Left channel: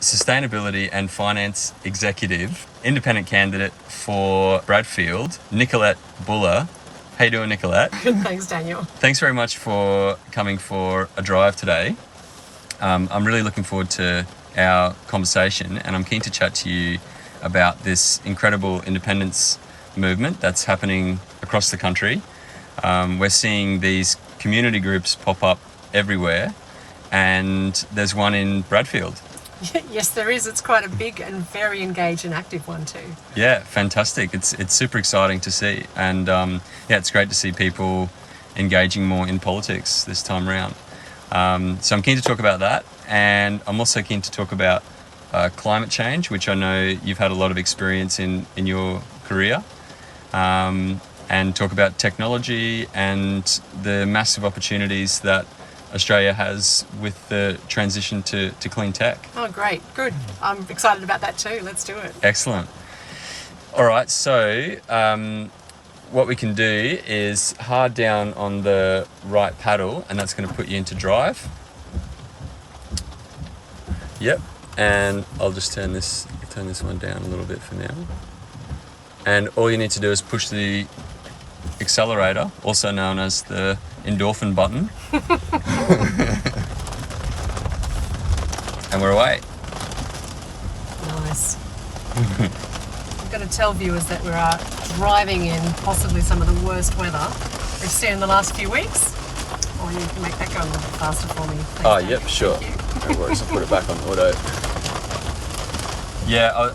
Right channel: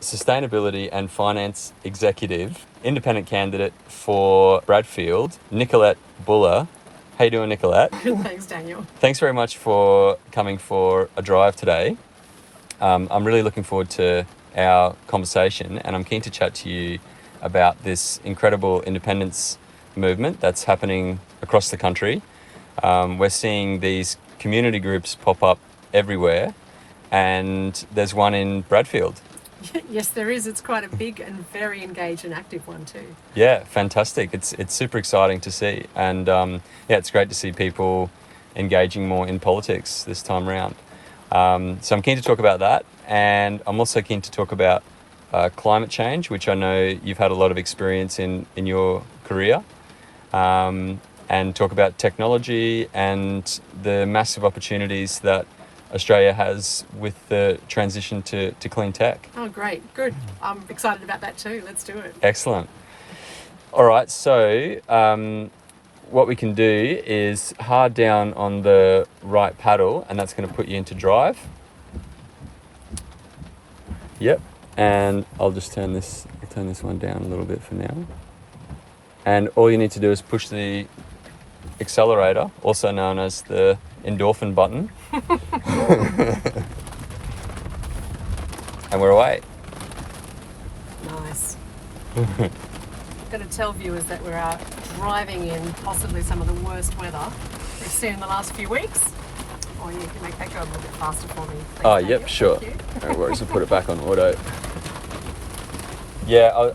Sustainability and Finance Executive, independent candidate for Bradfield, Nicolette Boele. How you doing, Nicolette? Thanks, Daniel. Thanks very much for coming for a drive today. I'm really looking forward to our conversation, and I'm keen to chat to you about this incredible independence movement that's happening across the country. We're seeing these community groups pop up everywhere, and there's one in Bradfield. Yes, there is. It's quite a big and very engaged and active one too. Yeah, fantastic. It's super exciting to see, and it's great to see people engaging more in politics this time around. So I'm keen to talk about that, and I'm also keen to talk about climate change, which I know you've had a lot of experience in your career, and talk about technology and the massive opportunities that Australia has with the transition to clean tech. Oh, great. Good. I'm excited about that too. Let's do it. Excellent. All right, so what we can do is hard down on the right paddle, and that's going to put you into drive. Yep, and I'll just turn this one down a little bit for now. And all you need to do is push the accelerator, also known as the endorphin button. And we're away. Nice. I've got to tell viewers that we are driving in possibly some of the worst weather we've seen in the last few weeks. Or you can make that go a little bit faster for me. Thanks, Daniel. Yep, sure. Thank you. No worries, I'll put it back on auto. Yeah,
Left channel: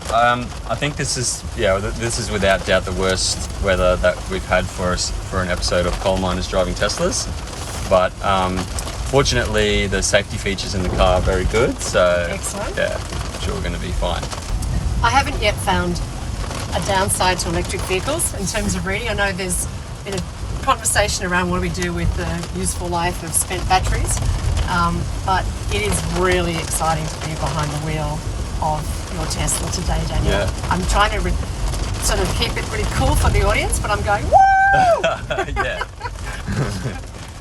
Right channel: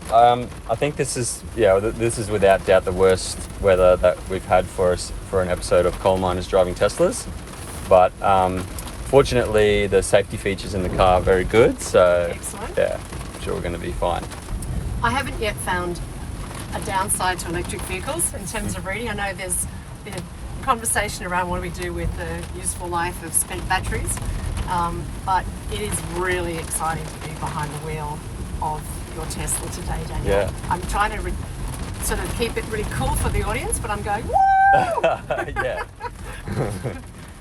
I think this is without doubt the worst weather that we've had for us for an episode of coal miners driving Teslas. But fortunately, the safety features in the car are very good. So excellent. Yeah, I'm sure we're going to be fine. I haven't yet found a downside to electric vehicles in terms of reading. I know there's been a conversation around what do we do with the useful life of spent batteries, but it is really exciting to be behind the wheel of your Tesla today, Daniel. Yeah. I'm trying to sort of keep it really cool for the audience, but I'm going, woo! Yeah.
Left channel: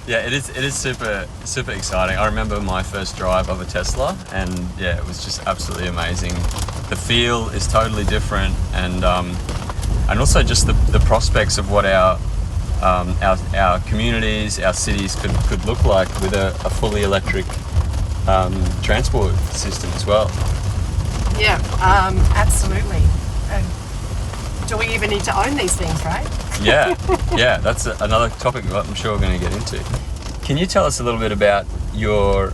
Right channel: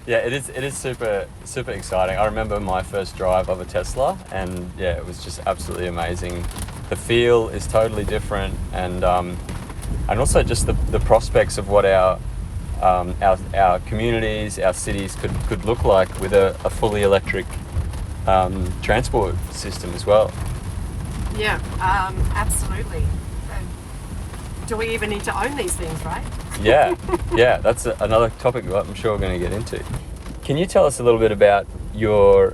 Yeah, it is super exciting. I remember my first drive of a Tesla, and yeah, it was just absolutely amazing. The feel is totally different, and also just the prospects of what our communities, our cities could look like with a fully electric transport system as well. Yeah, absolutely. And do we even need to own these things, right? Yeah, that's another topic I'm sure we're going to get into. Can you tell us a little bit about your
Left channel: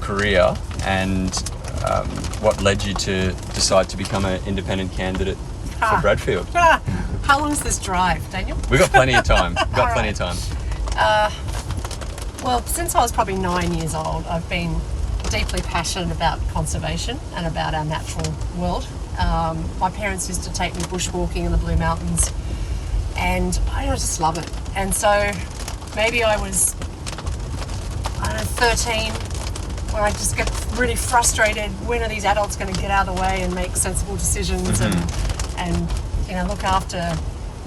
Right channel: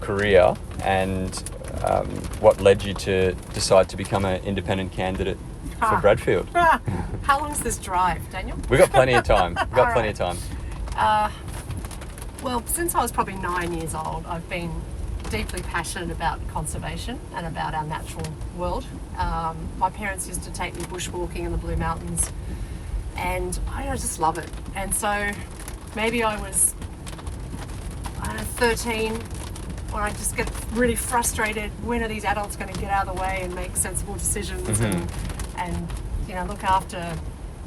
career and what led you to decide to become an independent candidate for Bradfield? How long is this drive, Daniel? We've got plenty of time. Well, since I was probably 9 years old, I've been deeply passionate about conservation and about our natural world. My parents used to take me bushwalking in the Blue Mountains, and I just love it. And so maybe I was 13 when I just get really frustrated. When are these adults going to get out of the way and make sensible decisions and look after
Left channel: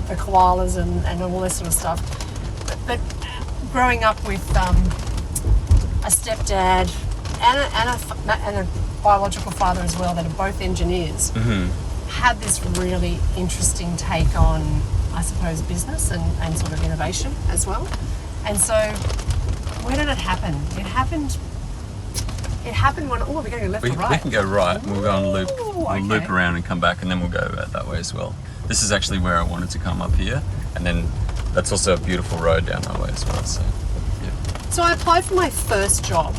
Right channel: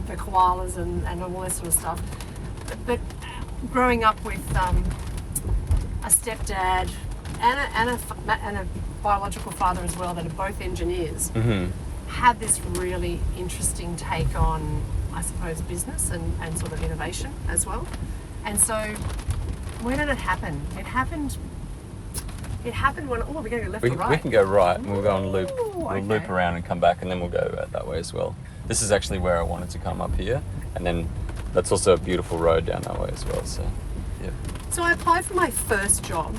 the koalas and all this sort of stuff? But growing up with a stepdad and a biological father as well that are both engineers, had this really interesting take on, I suppose, business and sort of innovation as well. And so where did it happen? It happened when, we're going to go left or right? We can go right, and we'll go on loop. We'll okay. loop around and come back, and then we'll go that way as well. This is actually where I wanted to come up here, and then that's also a beautiful road down that way as well. So, yeah. So I applied for my first job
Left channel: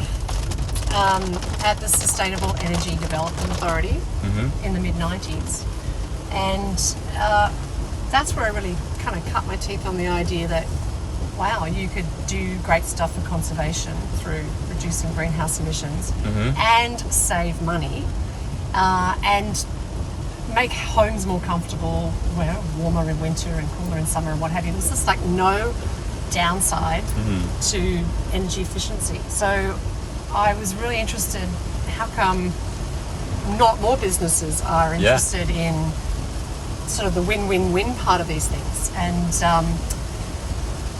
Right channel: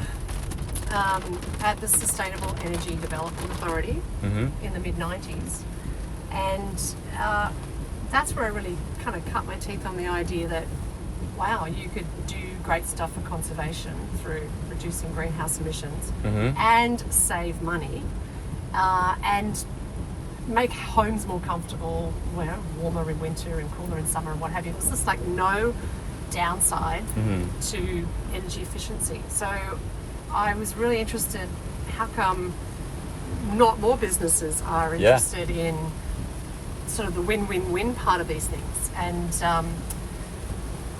at the Sustainable Energy Development Authority in the mid-90s. And that's where I really kind of cut my teeth on the idea that, wow, you could do great stuff for conservation through reducing greenhouse emissions and save money and make homes more comfortable, warmer in winter and cooler in summer and what have you. There's just like no downside to energy efficiency. So I was really interested, how come not more businesses are interested in sort of the win-win-win part of these things? And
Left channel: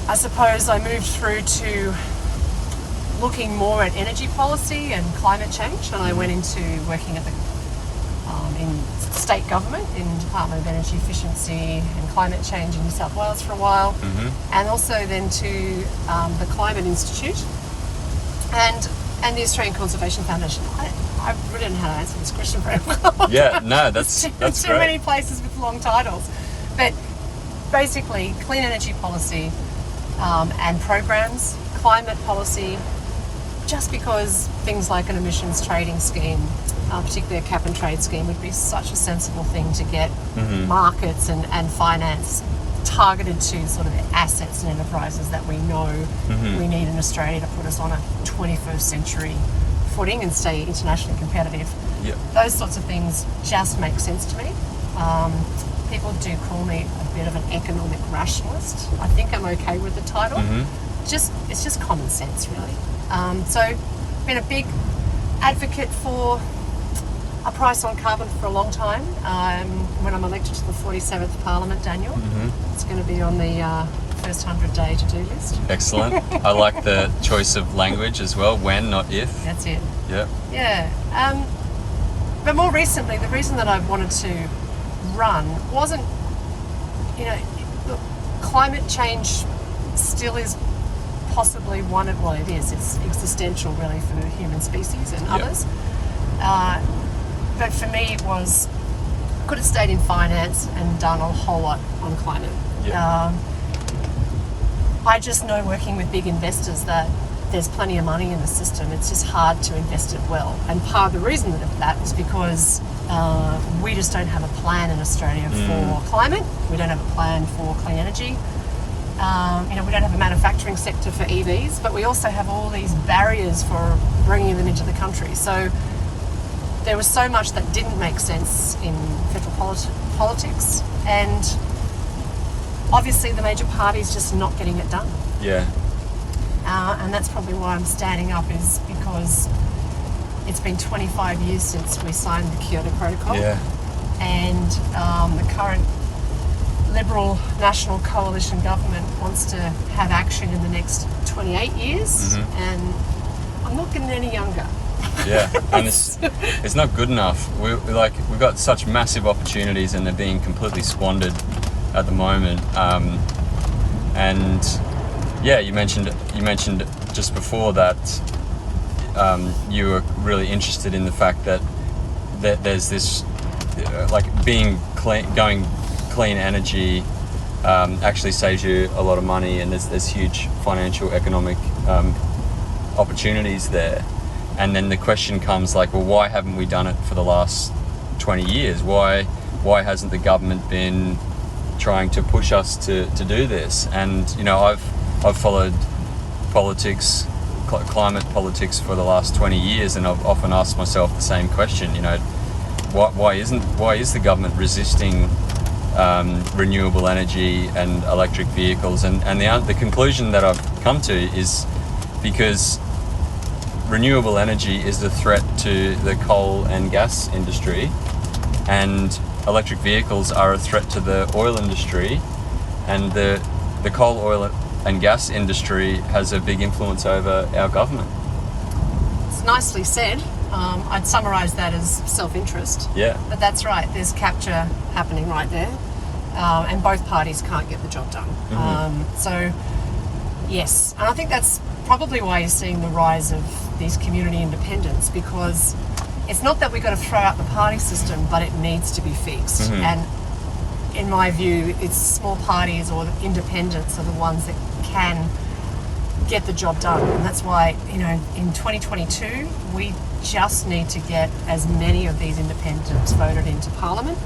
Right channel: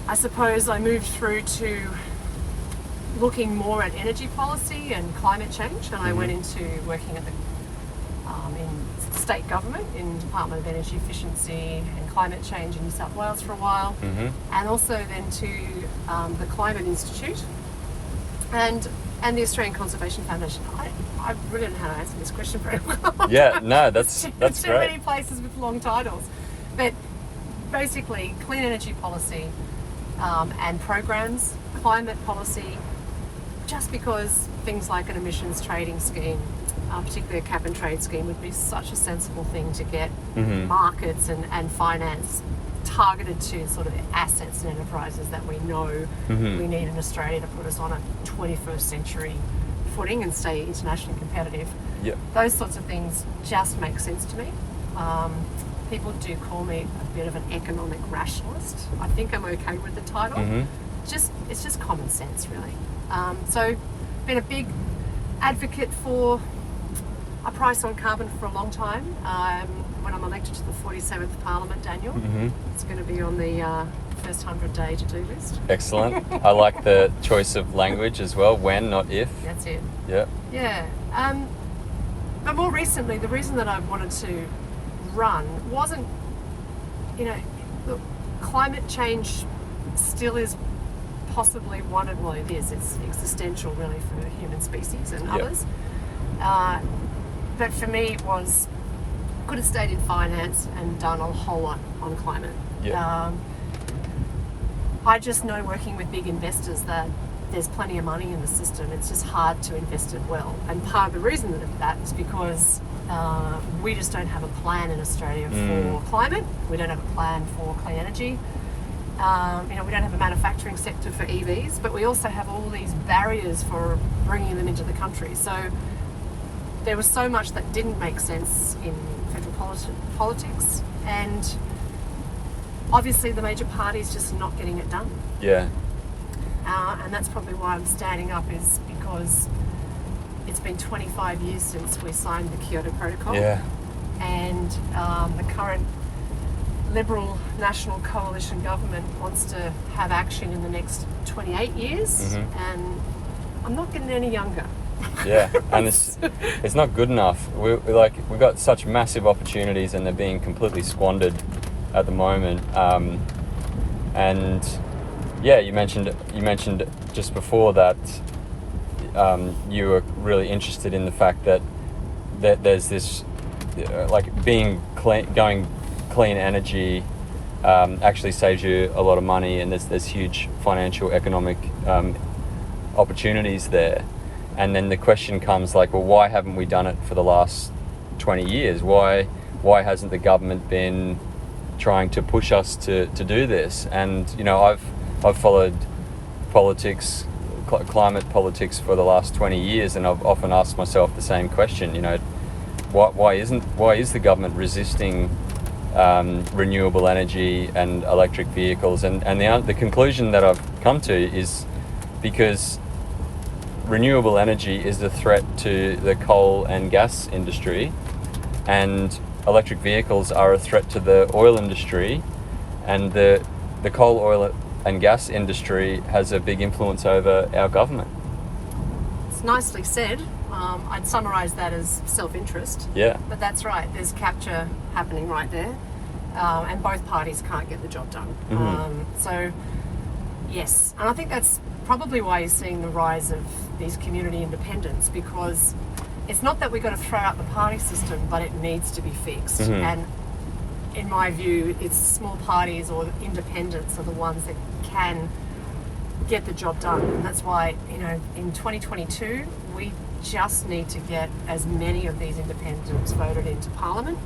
I suppose I moved through to looking more at energy policy and climate change, and I went into working at the in state government in Department of Energy Efficiency and Climate Change in New South Wales for a while, and also then to the Climate Institute and the Australian Conservation Foundation. I really don't know how to answer this question very well. Yeah, no, that's too great. many places with long titles, but basically clean energy policy and programs, climate policy, just because things like an emissions trading scheme, particularly a cap and trade scheme, would be such a sensible thing to get markets and finance targeted to sort of assets and enterprises that we know we need in Australia to put us on a 21st century footing and stay internationally competitive. Yep. Those sorts of things just make sense to me. People do call me a bit of an economic rationalist. I think I'm okay with the title. It's just common sense, really. So, been a big advocate for a price on carbon for a long time. When I'm elected to the 47th Parliament, Daniel, it's going to be on the first 100-day to-do list. Excellent. I like the choice of language as well. When, not if. That's it. Yeah. Yeah. But more recently, the reason that I wanted to run wasn't, look, climate change still is possibly one of, well, it is, it's existential really for the human species and others. But for me it was, I could have stayed in finance and done a whole lot on climate. I just know, working with big investors, that there's plenty of money in the system. It's just hard to invest it well. And part of the reason of that is because we just don't have a plan in Australia for climate. We don't have a plan for clean energy. We don't have a manufacturing sector for EVs, but we also have all these barriers for bringing them into the country. So there was so much that didn't make sense in federal politics, and obviously the major parties just not getting it done. Yeah. And that's probably why I'm standing up, is because it's been 25 years since we signed the Kyoto Protocol. Yeah. And the current Liberal National Coalition government wants to have action in the next 28 years, and I'm not getting any younger. Yeah, and it's not good enough. We've got such massive opportunities, and they're being completely squandered at the moment. And yeah, you mentioned just before that you were really interested in the fact that there's this being clean, clean energy actually saves you a lot of money, and there's huge financial, economic opportunities there. And then the question comes well, why haven't we done it for the last 20 years? Why hasn't the government been trying to push us to do this? And I've followed politics, climate politics, for the last 20 years, and I've often asked myself the same question. Why is the government resisting renewable energy and electric vehicles? And the conclusion that I've come to is because renewable energy is a threat to the coal and gas industry, and electric vehicles are a threat to the oil industry, and the coal, oil and gas industry has a big influence over our government. It's nicely said. I'd summarise that as self-interest. Yeah. But that's right. There's capture happening right there, and both parties can't get the job done. So, yes. And I think that's probably why you're seeing the rise of these community independents, because it's not that we've got to throw out the party system, but it needs to be fixed. And in my view, it's small parties or independents are the ones that can get the job done. And that's why, in 2022, we just need to get as many of these independents voted into Parliament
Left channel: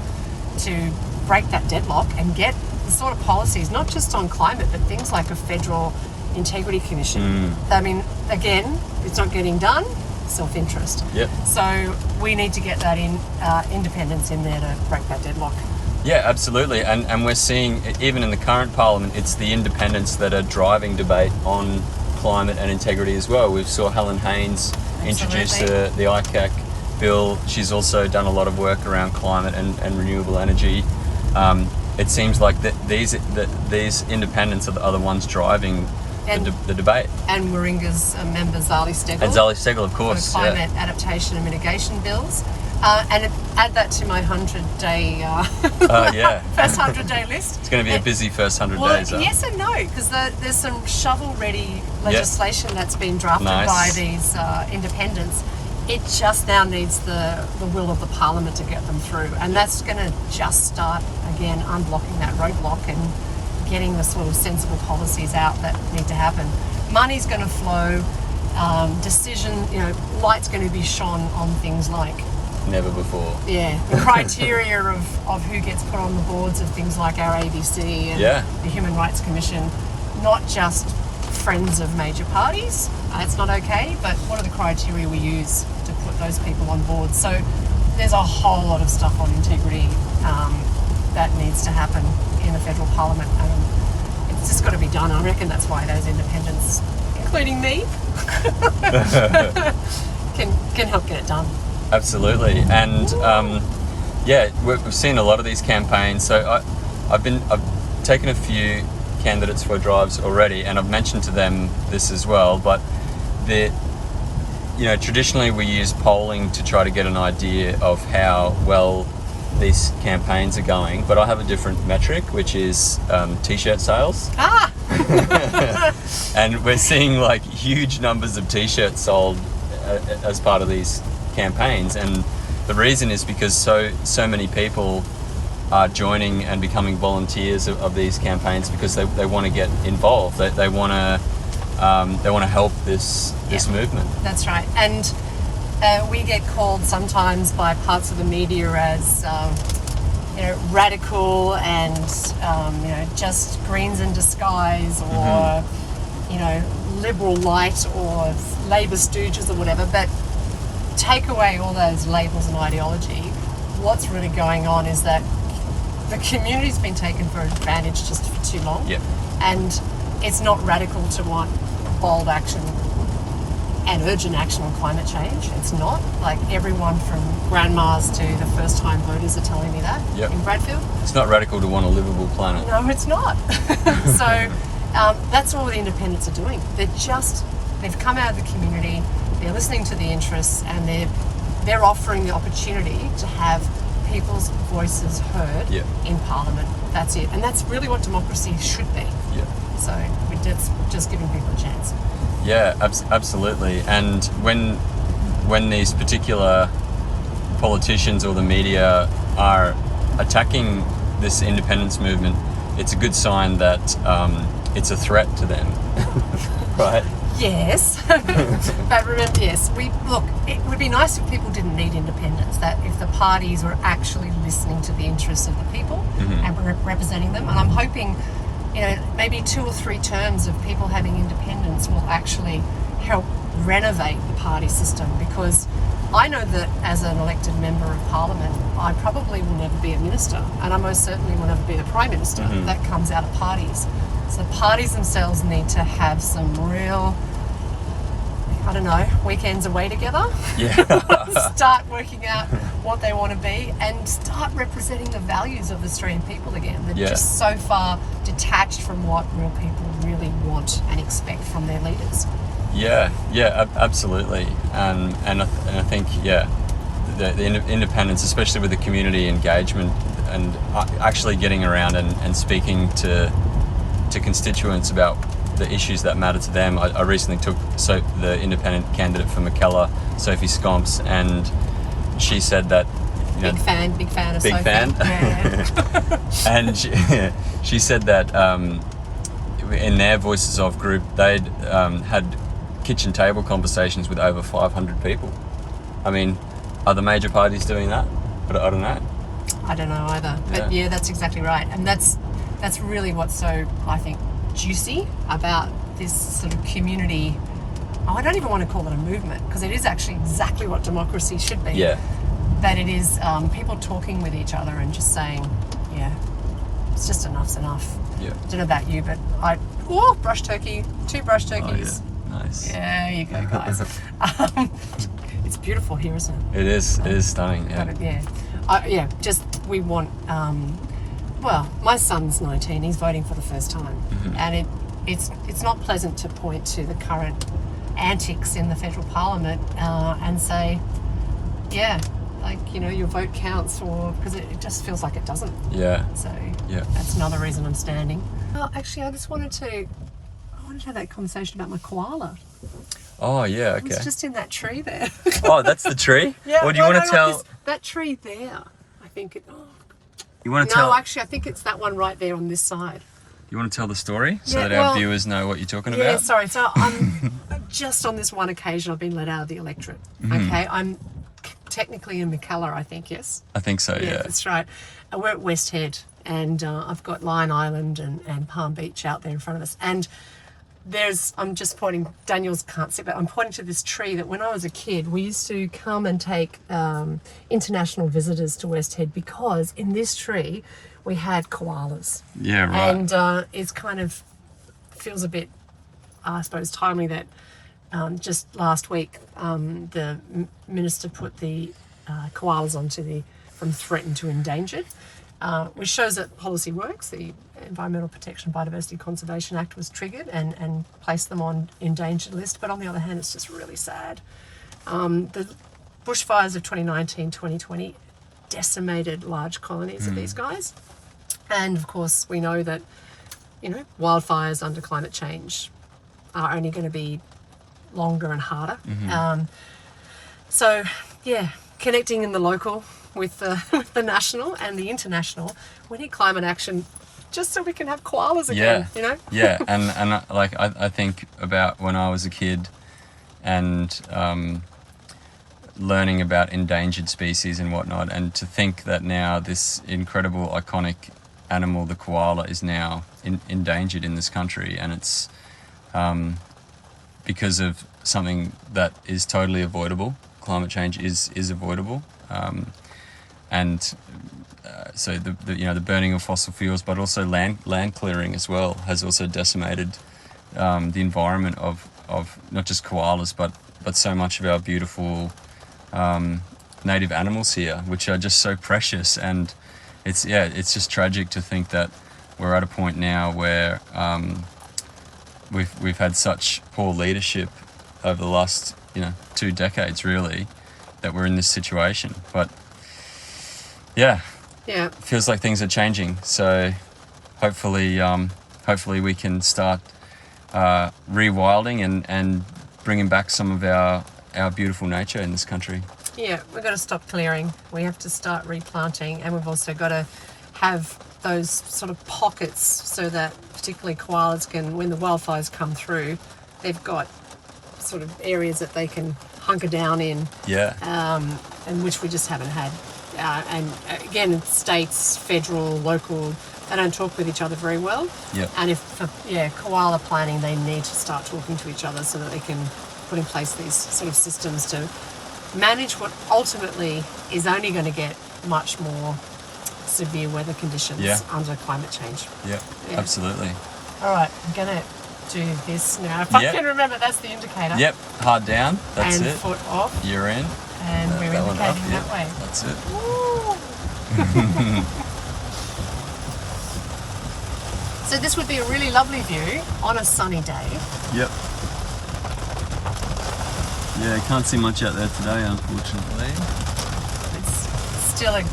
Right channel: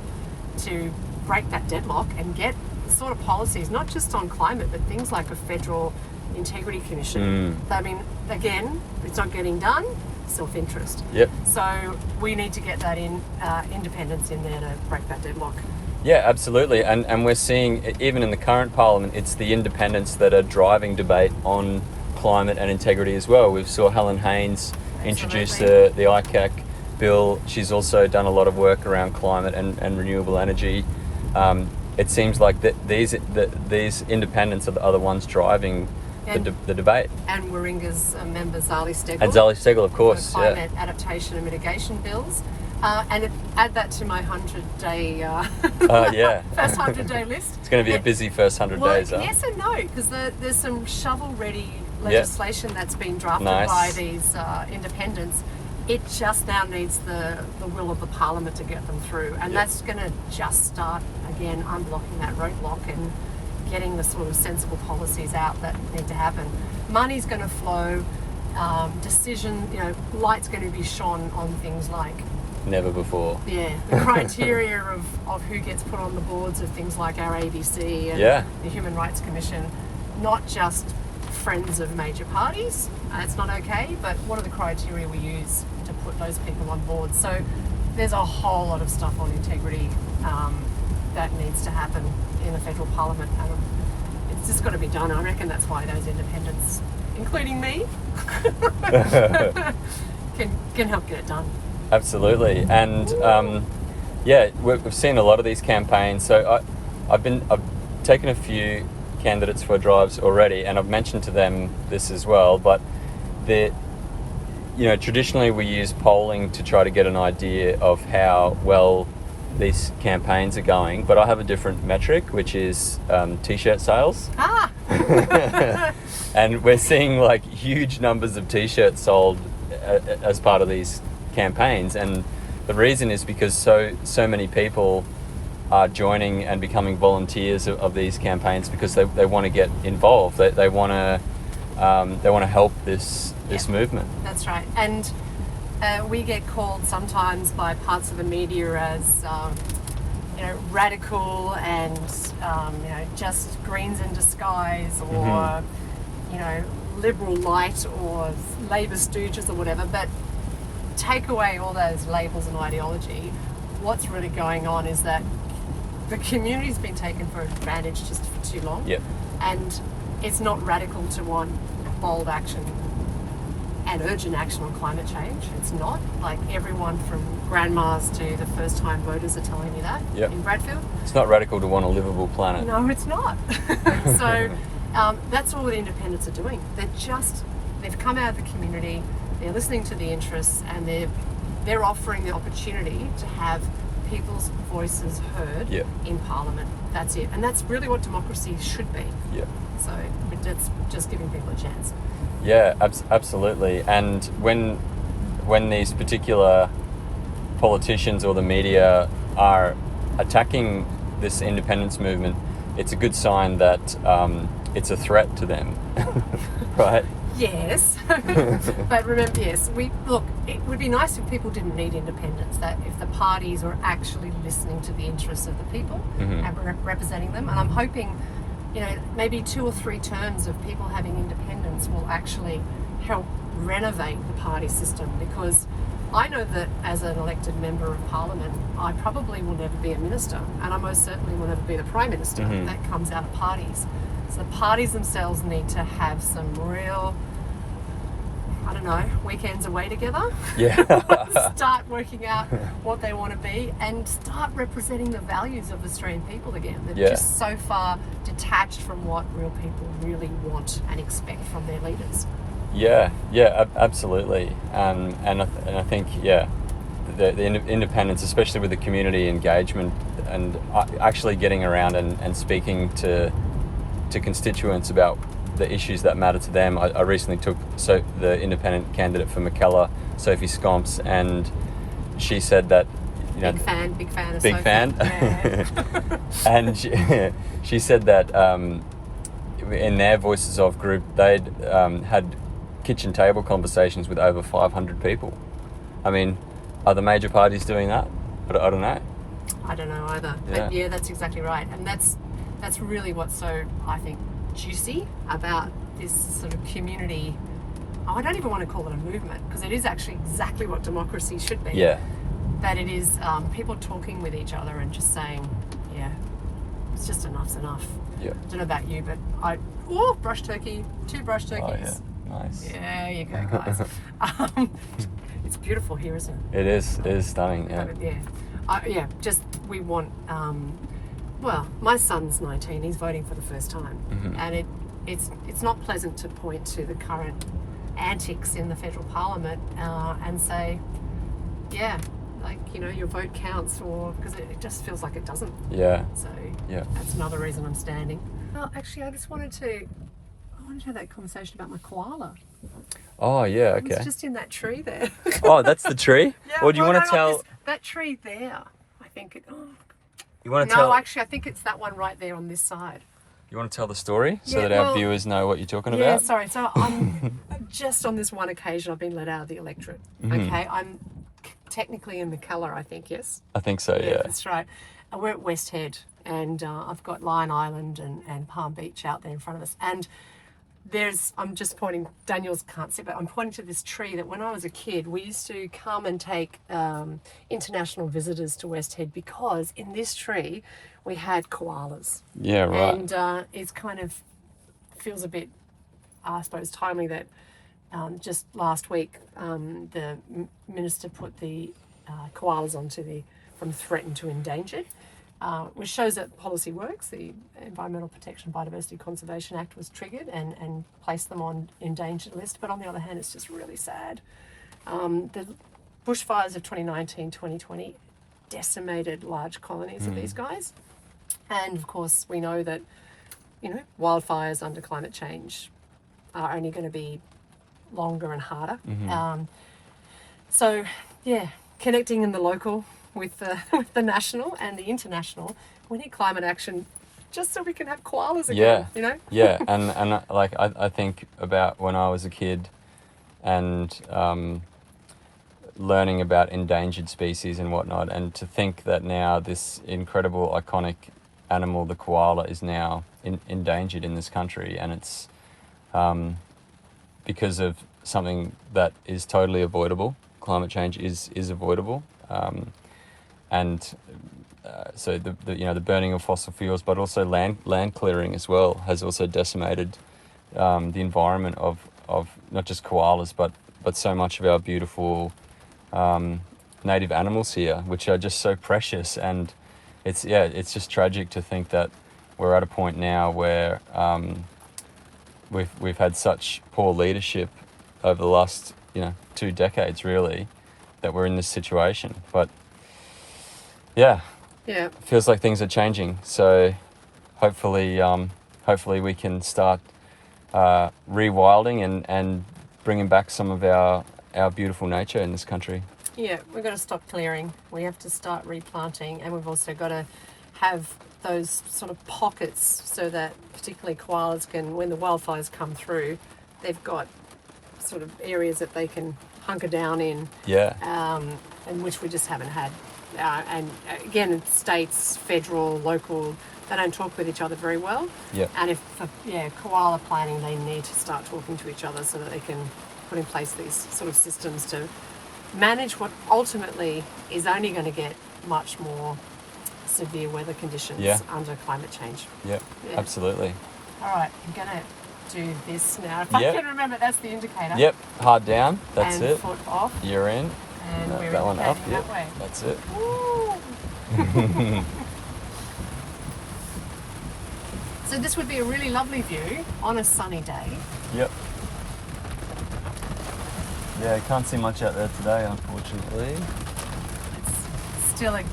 to break that deadlock and get the sort of policies, not just on climate, but things like a federal integrity commission. I mean, again, it's not getting done, self-interest. Yep. So we need to get that independence in there to break that deadlock. Yeah, absolutely. And we're seeing, even in the current Parliament, it's the independents that are driving debate on climate and integrity as well. We saw Helen Haynes introduce the ICAC bill. She's also done a lot of work around climate and renewable energy. It seems like these independents are the ones driving the debate. And Warringa's member Zali Steggall. And Zali Steggall, of For course. climate adaptation and mitigation bills. And add that to my 100-day, first 100-day list. It's going to be a busy first 100 days. Yes and no, because there's some shovel-ready legislation that's been drafted by these independents. It just now needs the will of the Parliament to get them through. And that's going to just start, again, unblocking that roadblock and getting the sort of sensible policies out that need to happen. Money's going to flow, light's going to be shone on things like never before. Yeah, the criteria of who gets put on the boards of things like our ABC and the Human Rights Commission, not just friends of major parties. It's not okay, but what are the criteria we use to put those people on board? So there's a whole lot of stuff on integrity that needs to happen in the federal parliament. It's just got to be done. I reckon that's why those independents, including me, can help get it done. Absolutely, and we've seen a lot of these campaigns. So I've taken a few candidates for drives already, and I've mentioned to them this as well. But traditionally we use polling to try to get an idea of how well these campaigns are going. But I have a different metric, which is t-shirt sales. And we're seeing like huge numbers of t-shirts sold as part of these campaigns, and the reason is because so many people are joining and becoming volunteers of these campaigns because they want to get involved. They want to help this movement. That's right. And we get called sometimes by parts of the media as radical and just Greens in disguise, or liberal light, or Labor stooges, or whatever. But take away all those labels and ideology, what's really going on is that the community's been taken for advantage just for too long. Yep. And it's not radical to want bold action and urgent action on climate change. It's not. Like, everyone from grandmas to the first-time voters are telling me that in Bradfield. It's not radical to want a livable planet. No, it's not. So that's all the independents are doing. They've come out of the community, they're listening to the interests, and they're offering the opportunity to have people's voices heard in Parliament. That's it. And that's really what democracy should be. Yeah. So it's just giving people a chance. Yeah, absolutely. And when these particular politicians or the media are attacking this independence movement, it's a good sign that it's a threat to them, right? Yes, but remember, it would be nice if people didn't need independence, that if the parties were actually listening to the interests of the people and representing them. And I'm hoping, maybe 2 or 3 terms of people having independence will actually help renovate the party system, because I know that as an elected member of Parliament, I probably will never be a minister, and I most certainly will never be the Prime Minister. That comes out of parties. So the parties themselves need to have some real, weekends away together. Yeah. Start working out what they want to be and start representing the values of Australian people again. They're just so far detached from what real people really want and expect from their leaders. Yeah, absolutely. And I think, the independence, especially with the community engagement and actually getting around and speaking to constituents about the issues that matter to them. I recently took the independent candidate for Mackellar, Sophie Scomps, and she said that big fan of Sophie. Yeah. And she said that in their Voices of group, they'd had kitchen table conversations with over 500 people. I mean, are the major parties doing that? But I don't know. I don't know either. But that's exactly right. And that's really what's so, I think, juicy about this sort of community. I don't even want to call it a movement, because it is actually exactly what democracy should be. Yeah. That it is people talking with each other and just saying, it's just enough's enough. Yeah. I don't know about you, but brush turkey, 2 brush turkeys. Oh, yeah. Nice. Yeah, you go, guys. It's beautiful here, isn't it? It is. It is stunning. Yeah. We want. My son's 19. He's voting for the first time, and it's not pleasant to point to the current antics in the federal parliament and say, yeah, like, you know, your vote counts, or because it just feels like it doesn't. Yeah. So Yeah. that's another reason I'm standing. Well, actually, I wanted to have that conversation about my koala. Oh, yeah, okay. It's just in that tree there. Oh, that's the tree? Yeah. Or do you want to tell... that tree there, I think it... Oh. You want to No, tell... actually, I think it's that one right there on this side. You want to tell the story so Yeah, that our well, viewers know what you're talking Yeah, about? sorry. So I'm just on this one occasion I've been let out of the electorate. Okay, I'm technically in McKellar, I think, yes? I think so, yeah. That's right. We're at West Head, and I've got Lion Island and Palm Beach out there in front of us. And I'm just pointing, Daniels can't see, but I'm pointing to this tree that when I was a kid, we used to come and take international visitors to West Head, because in this tree we had koalas. Yeah, right. And it's kind of feels a bit, I suppose, timely that just last week the minister put the koalas onto from threatened to endangered, which shows that policy works. The Environmental Protection and Biodiversity Conservation Act was triggered and placed them on endangered list. But on the other hand, it's just really sad. The bushfires of 2019, 2020 decimated large colonies of these guys. And of course, we know that, you know, wildfires under climate change are only going to be longer and harder. So, yeah, connecting in the local with the national and the international, we need climate action just so we can have koalas again, you know? Yeah, and like I think about when I was a kid and learning about endangered species and whatnot, and to think that now this incredible, iconic animal, the koala, is now endangered in this country, and it's because of something that is totally avoidable. Climate change is avoidable, and so the burning of fossil fuels, but also land clearing as well, has also decimated the environment of not just koalas, but so much of our beautiful native animals here, which are just so precious. And it's just tragic to think that we're at a point now where we've had such poor leadership over the last 2 decades, really, that we're in this situation. But yeah, feels like things are changing. So hopefully we can start rewilding and bringing back some of our beautiful nature in this country. Yeah, we've got to stop clearing. We have to start replanting, and we've also got to have those sort of pockets so that particularly koalas can, when the wildfires come through, they've got sort of areas that they can hunker down in. Yeah. And which we just haven't had. And again, states, federal, local, they don't talk with each other very well. Yeah. And for koala planning, they need to start talking to each other so that they can put in place these sort of systems to manage what ultimately is only going to get much more severe weather conditions under climate change. Yeah, absolutely. All right, I'm going to do this now. If I can remember, that's the indicator. Yep, hard down, that's and it. Foot off. You're in. And we're that one up, indicating that way. That's it. So this would be a really lovely view on a sunny day. Yep. Yeah, you can't see much out there today, unfortunately. It's still a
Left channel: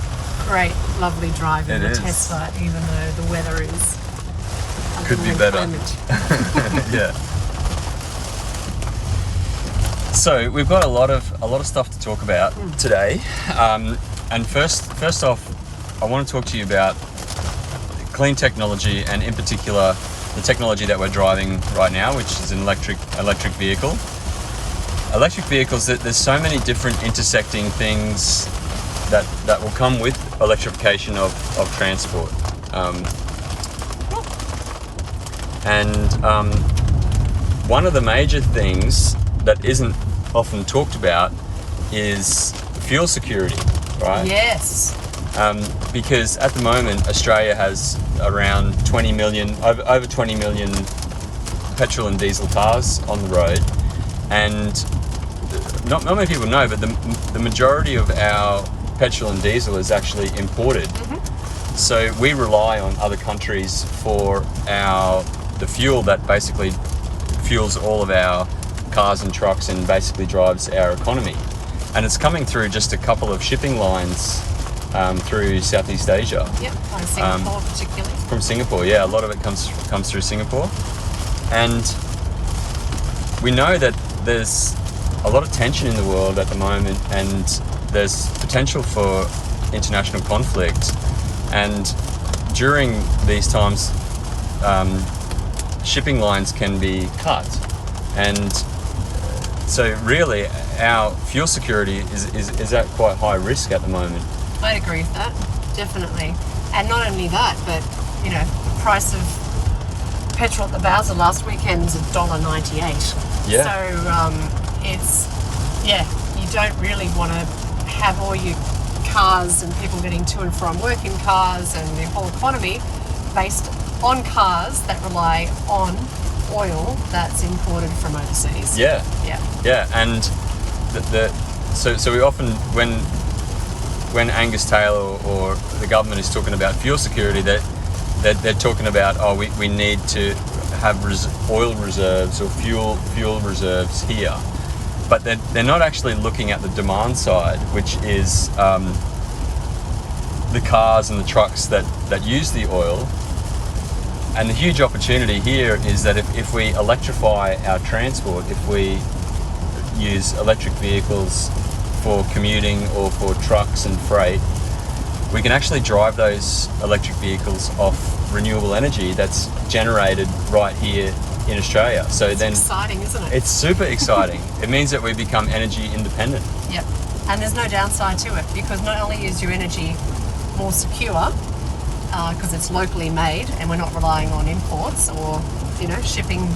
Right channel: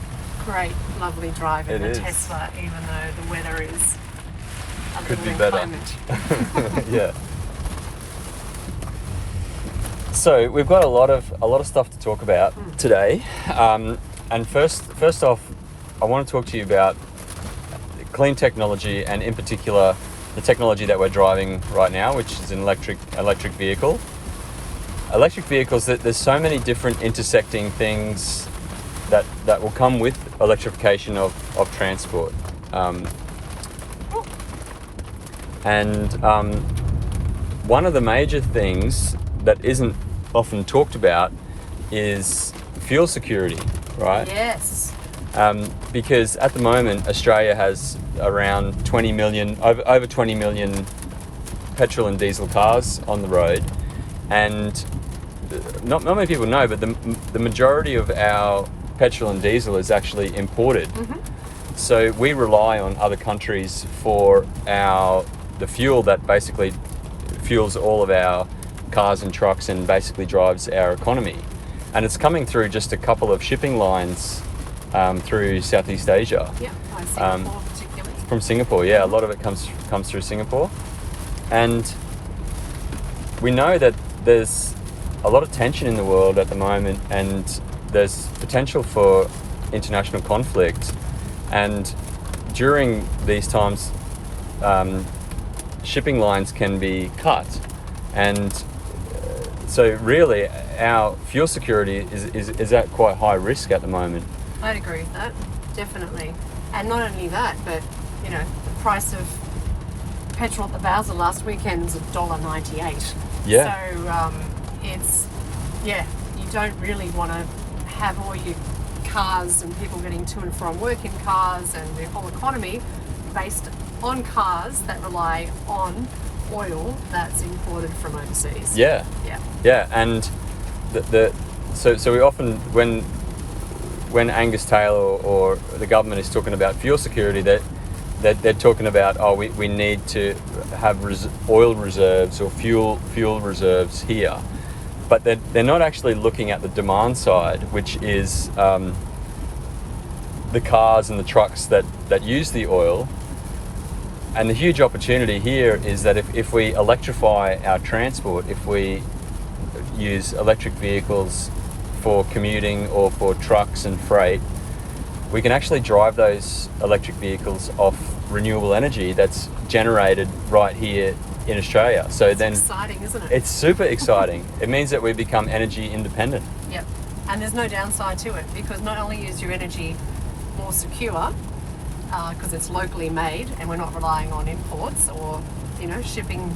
great, lovely drive in the Tesla, even though the weather is could be better. Yeah. So we've got a lot of stuff to talk about today, and first off, I want to talk to you about clean technology, and in particular the technology that we're driving right now, which is an electric vehicle. Electric vehicles, there's so many different intersecting things that will come with electrification of transport. One of the major things that isn't often talked about is fuel security, right? Yes. Because at the moment, Australia has around over 20 million petrol and diesel cars on the road, and not many people know, but the majority of our petrol and diesel is actually imported. So we rely on other countries for our the fuel that basically fuels all of our cars and trucks and basically drives our economy. And it's coming through just a couple of shipping lines through Southeast Asia. Yep, by Singapore particularly. From Singapore, yeah. A lot of it comes through Singapore. And we know that there's a lot of tension in the world at the moment, and there's potential for international conflict. And during these times, shipping lines can be cut. And so really our fuel security is at quite high risk at the moment. I'd agree with that, definitely. And not only that, but you know, the price of petrol at the Bowser last weekend was $1.98. Yeah. So you don't really want to have all your cars and people getting to and from work in cars and the whole economy based on cars that rely on oil that's imported from overseas. Yeah. And so we often, when Angus Taylor or the government is talking about fuel security, they're talking about, we need to have oil reserves or fuel reserves here, but they're not actually looking at the demand side, which is the cars and the trucks that use the oil. And the huge opportunity here is that if we electrify our transport, if we use electric vehicles for commuting or for trucks and freight, we can actually drive those electric vehicles off renewable energy that's generated right here in Australia. So it's exciting, isn't it? It's super exciting. It means that we become energy independent. Yep. And there's no downside to it, because not only is your energy more secure, because it's locally made and we're not relying on imports or, shipping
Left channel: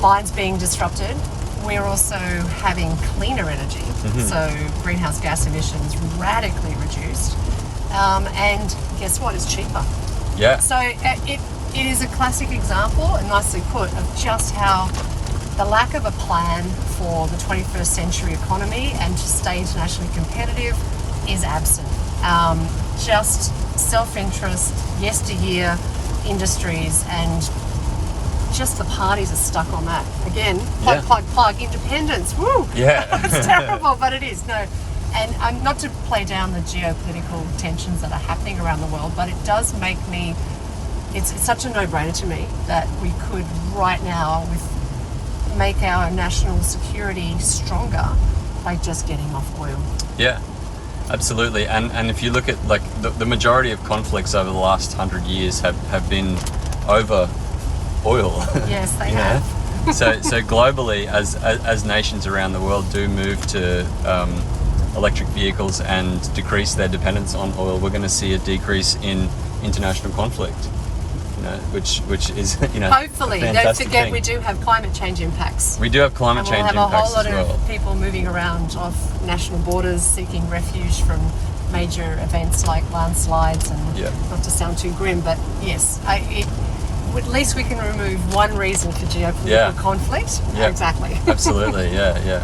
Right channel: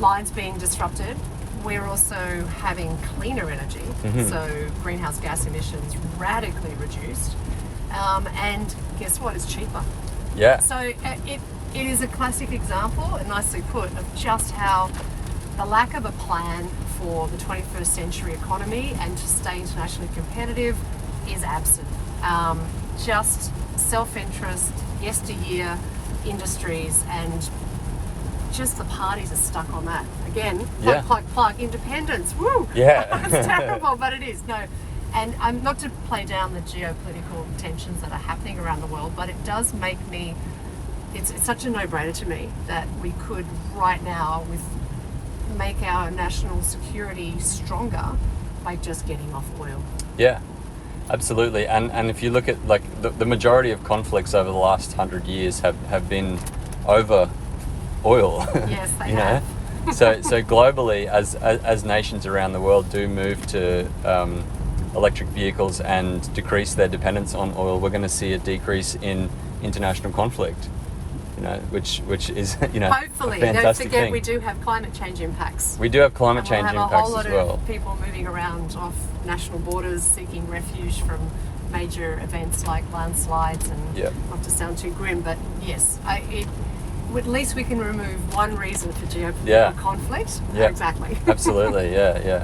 lines being disrupted, we're also having cleaner energy. Mm-hmm. So greenhouse gas emissions radically reduced. And guess what? It's cheaper. Yeah. So it is a classic example, and nicely put, of just how the lack of a plan for the 21st century economy and to stay internationally competitive is absent. Just self-interest, yesteryear industries, and just the parties are stuck on that. Again, plug, independence, woo! Yeah. It's terrible, but it is. No. And not to play down the geopolitical tensions that are happening around the world, but it does make me, it's such a no-brainer to me that we could right now make our national security stronger by just getting off oil. Yeah. Absolutely, and if you look at the majority of conflicts over the last 100 years have been over oil. Yes, they have. So globally, as nations around the world do move to electric vehicles and decrease their dependence on oil, we're going to see a decrease in international conflict. Which is hopefully. Don't forget thing. We do have climate change impacts. We do have climate change impacts as well. We'll have a whole lot of people moving around off national borders seeking refuge from major events like landslides and not to sound too grim, but yes, at least we can remove one reason for geopolitical conflict. Yeah, exactly. Absolutely, yeah.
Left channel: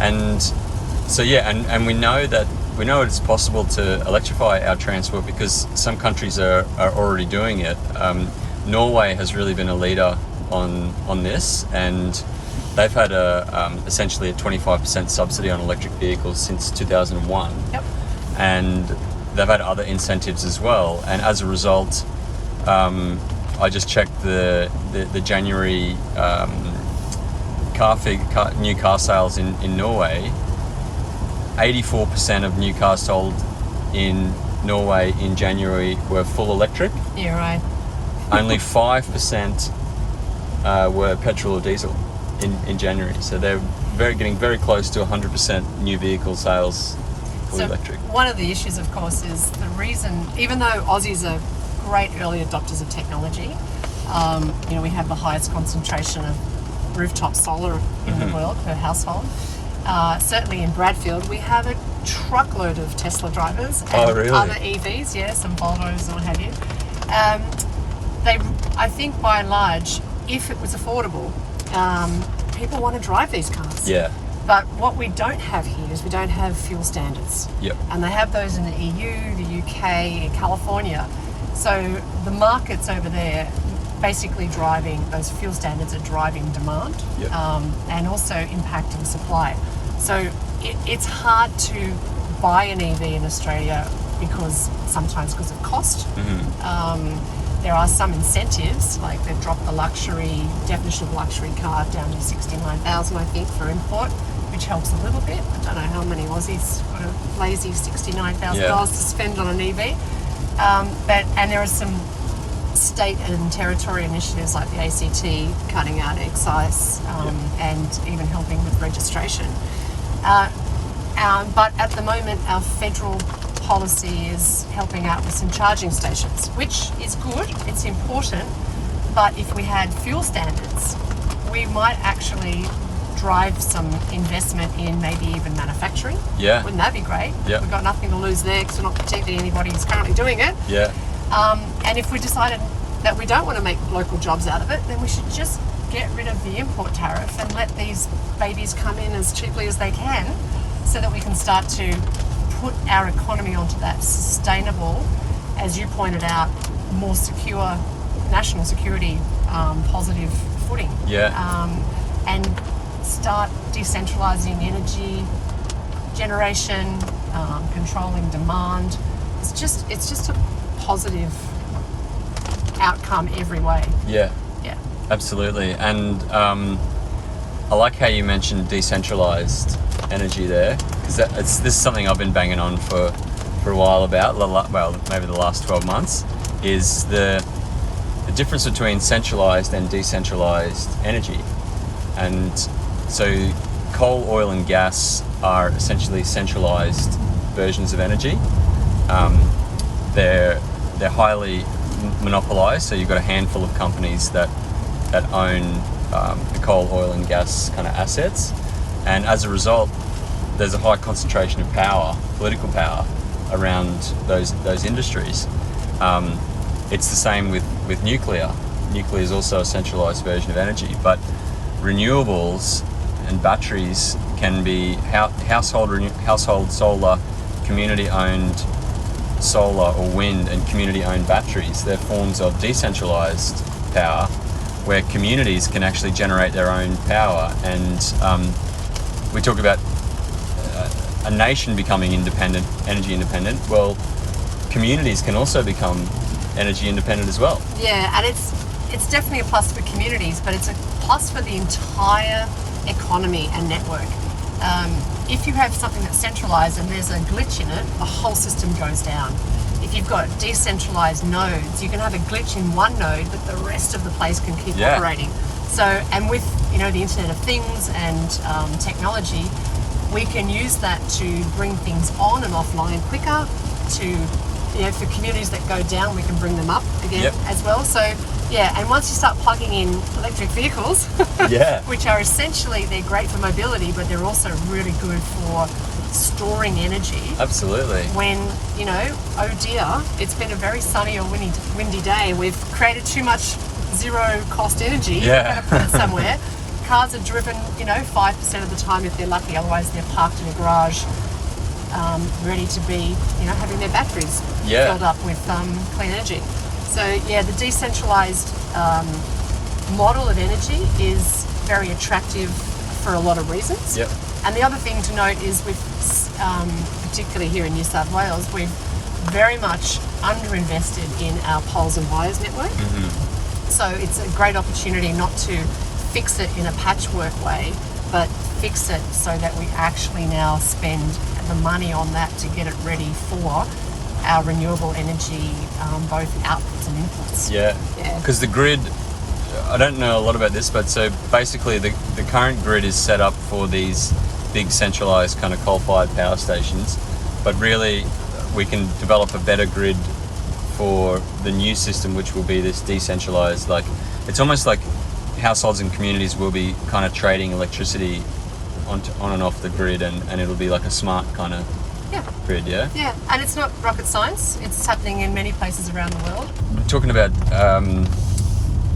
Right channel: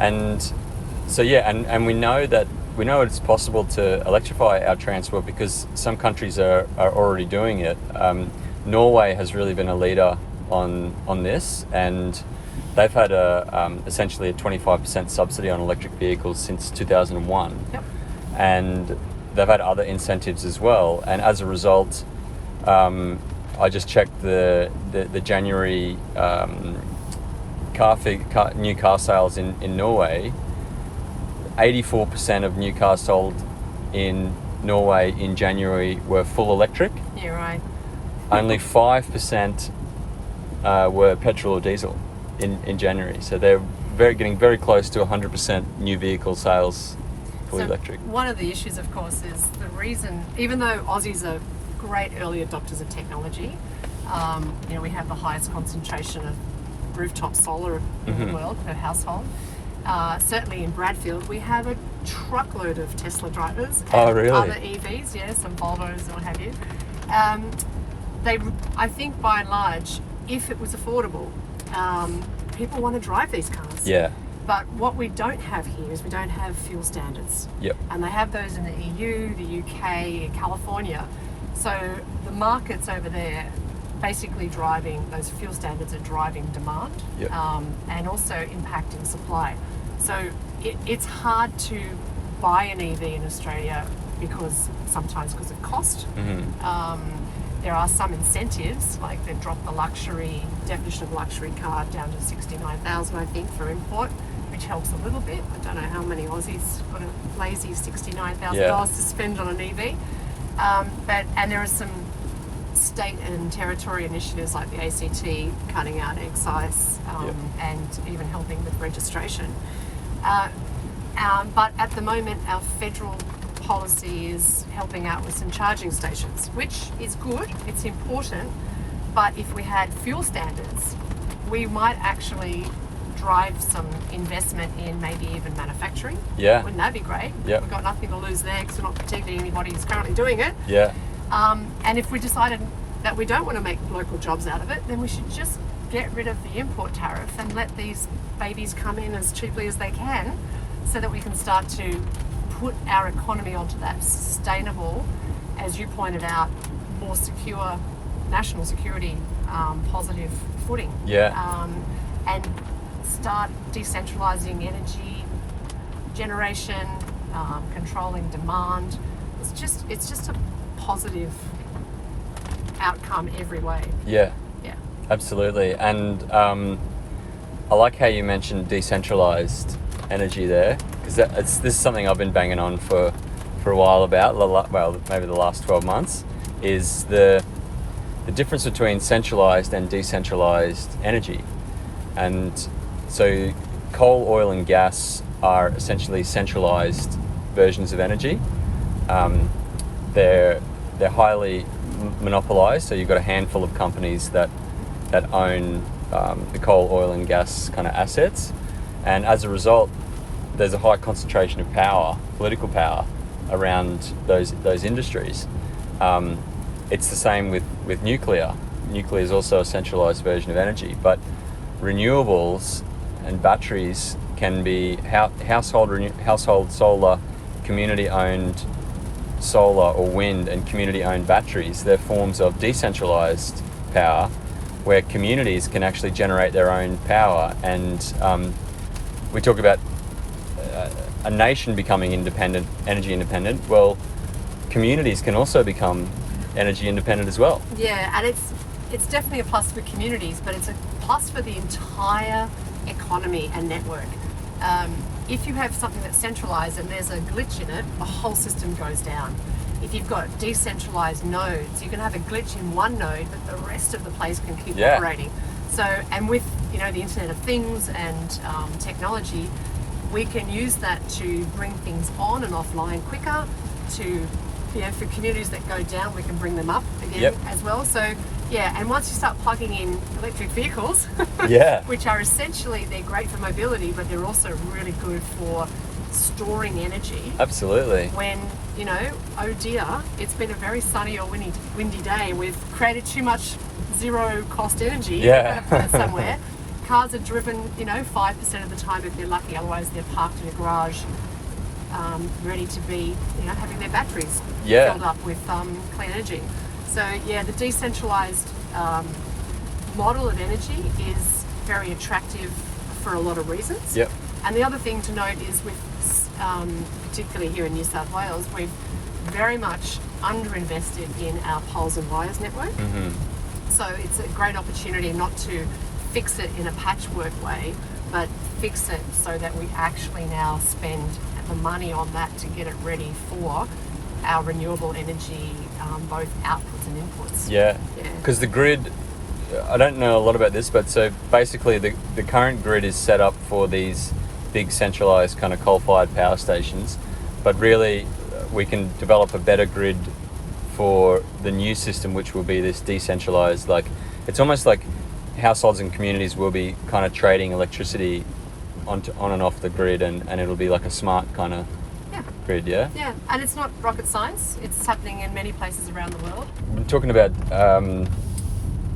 And so and we know it's possible to electrify our transport because some countries are already doing it. Norway has really been a leader on this, and they've had essentially a 25% subsidy on electric vehicles since 2001. Yep. And they've had other incentives as well. And as a result, I just checked the January new car sales in Norway. 84% of new cars sold in Norway in January were full electric. Yeah, right. Only 5% were petrol or diesel in January. So they're getting very close to 100% new vehicle sales fully electric. One of the issues, of course, is the reason, even though Aussies are great early adopters of technology, we have the highest concentration of rooftop solar in the world per household. Certainly in Bradfield, we have a truckload of Tesla drivers and other EVs, some Volvos and what have you. I think by and large, if it was affordable, people want to drive these cars. Yeah. But what we don't have here is we don't have fuel standards. Yep. And they have those in the EU, the UK, and California. So the markets over there basically driving, those fuel standards are driving demand, Yep. and also impacting supply. So it's hard to buy an EV in Australia sometimes because of cost. There are some incentives, like they've dropped the definition of luxury car down to 69,000, I think, for import, which helps a little bit. I don't know how many Aussies got a lazy $69,000 to spend on an EV. And there are some state and territory initiatives like the ACT cutting out excise and even helping with registration. But at the moment, our federal policy is helping out with some charging stations, which is good, it's important, but if we had fuel standards, we might actually drive some investment in maybe even manufacturing. Yeah. Wouldn't that be great? Yeah. We've got nothing to lose there because we're not protecting anybody who's currently doing it. Yeah. And if we decided that we don't want to make local jobs out of it, then we should just get rid of the import tariff and let these babies come in as cheaply as they can, so that we can start to put our economy onto that sustainable, as you pointed out, more secure, national security positive footing. Yeah. And start decentralizing energy generation, controlling demand. It's just a positive outcome every way. Yeah. Yeah. Absolutely. And I like how you mentioned decentralized energy there, because this is something I've been banging on for a while about, well, maybe the last 12 months, is the difference between centralized and decentralized energy. And so coal, oil and gas are essentially centralized versions of energy. They're highly monopolized, so you've got a handful of companies that own the coal, oil and gas kind of assets, and as a result there's a high concentration of power, political power, around those industries. It's the same with nuclear. Nuclear is also a centralized version of energy, but renewables and batteries can be household solar, community-owned solar or wind, and community-owned batteries. They're forms of decentralized power where communities can actually generate their own power. And we talk about a nation becoming energy independent. Well, communities can also become energy independent as well. Yeah, and it's definitely a plus for communities, but it's a plus for the entire economy and network. If you have something that's centralized and there's a glitch in it, the whole system goes down. If you've got decentralized nodes, you can have a glitch in one node, but the rest of the place can keep operating. So, and with the Internet of Things and technology, we can use that to bring things on and offline quicker. For communities that go down, we can bring them up again as well. So, and once you start plugging in electric vehicles, which are essentially, they're great for mobility, but they're also really good for storing energy. Absolutely. When, oh dear, it's been a very sunny or windy day, we've created too much zero cost energy, we're going to put it somewhere. Cars are driven, 5% of the time if they're lucky, otherwise they're parked in a garage, ready to be, having their batteries filled up with clean energy. So the decentralized model of energy is very attractive for a lot of reasons. Yep. And the other thing to note is particularly here in New South Wales, we've very much underinvested in our poles and wires network. Mm-hmm. So it's a great opportunity not to fix it in a patchwork way, but fix it so that we actually now spend the money on that to get it ready for our renewable energy, both outputs and inputs. Yeah. Because the grid, I don't know a lot about this, but so basically the current grid is set up for these big centralized kind of coal-fired power stations, but really we can develop a better grid for the new system, which will be this decentralized, it's almost like households and communities will be kind of trading electricity on and off the grid, and it'll be like a smart kind of grid. Yeah, and it's not rocket science. It's happening in many places around the world. I'm talking about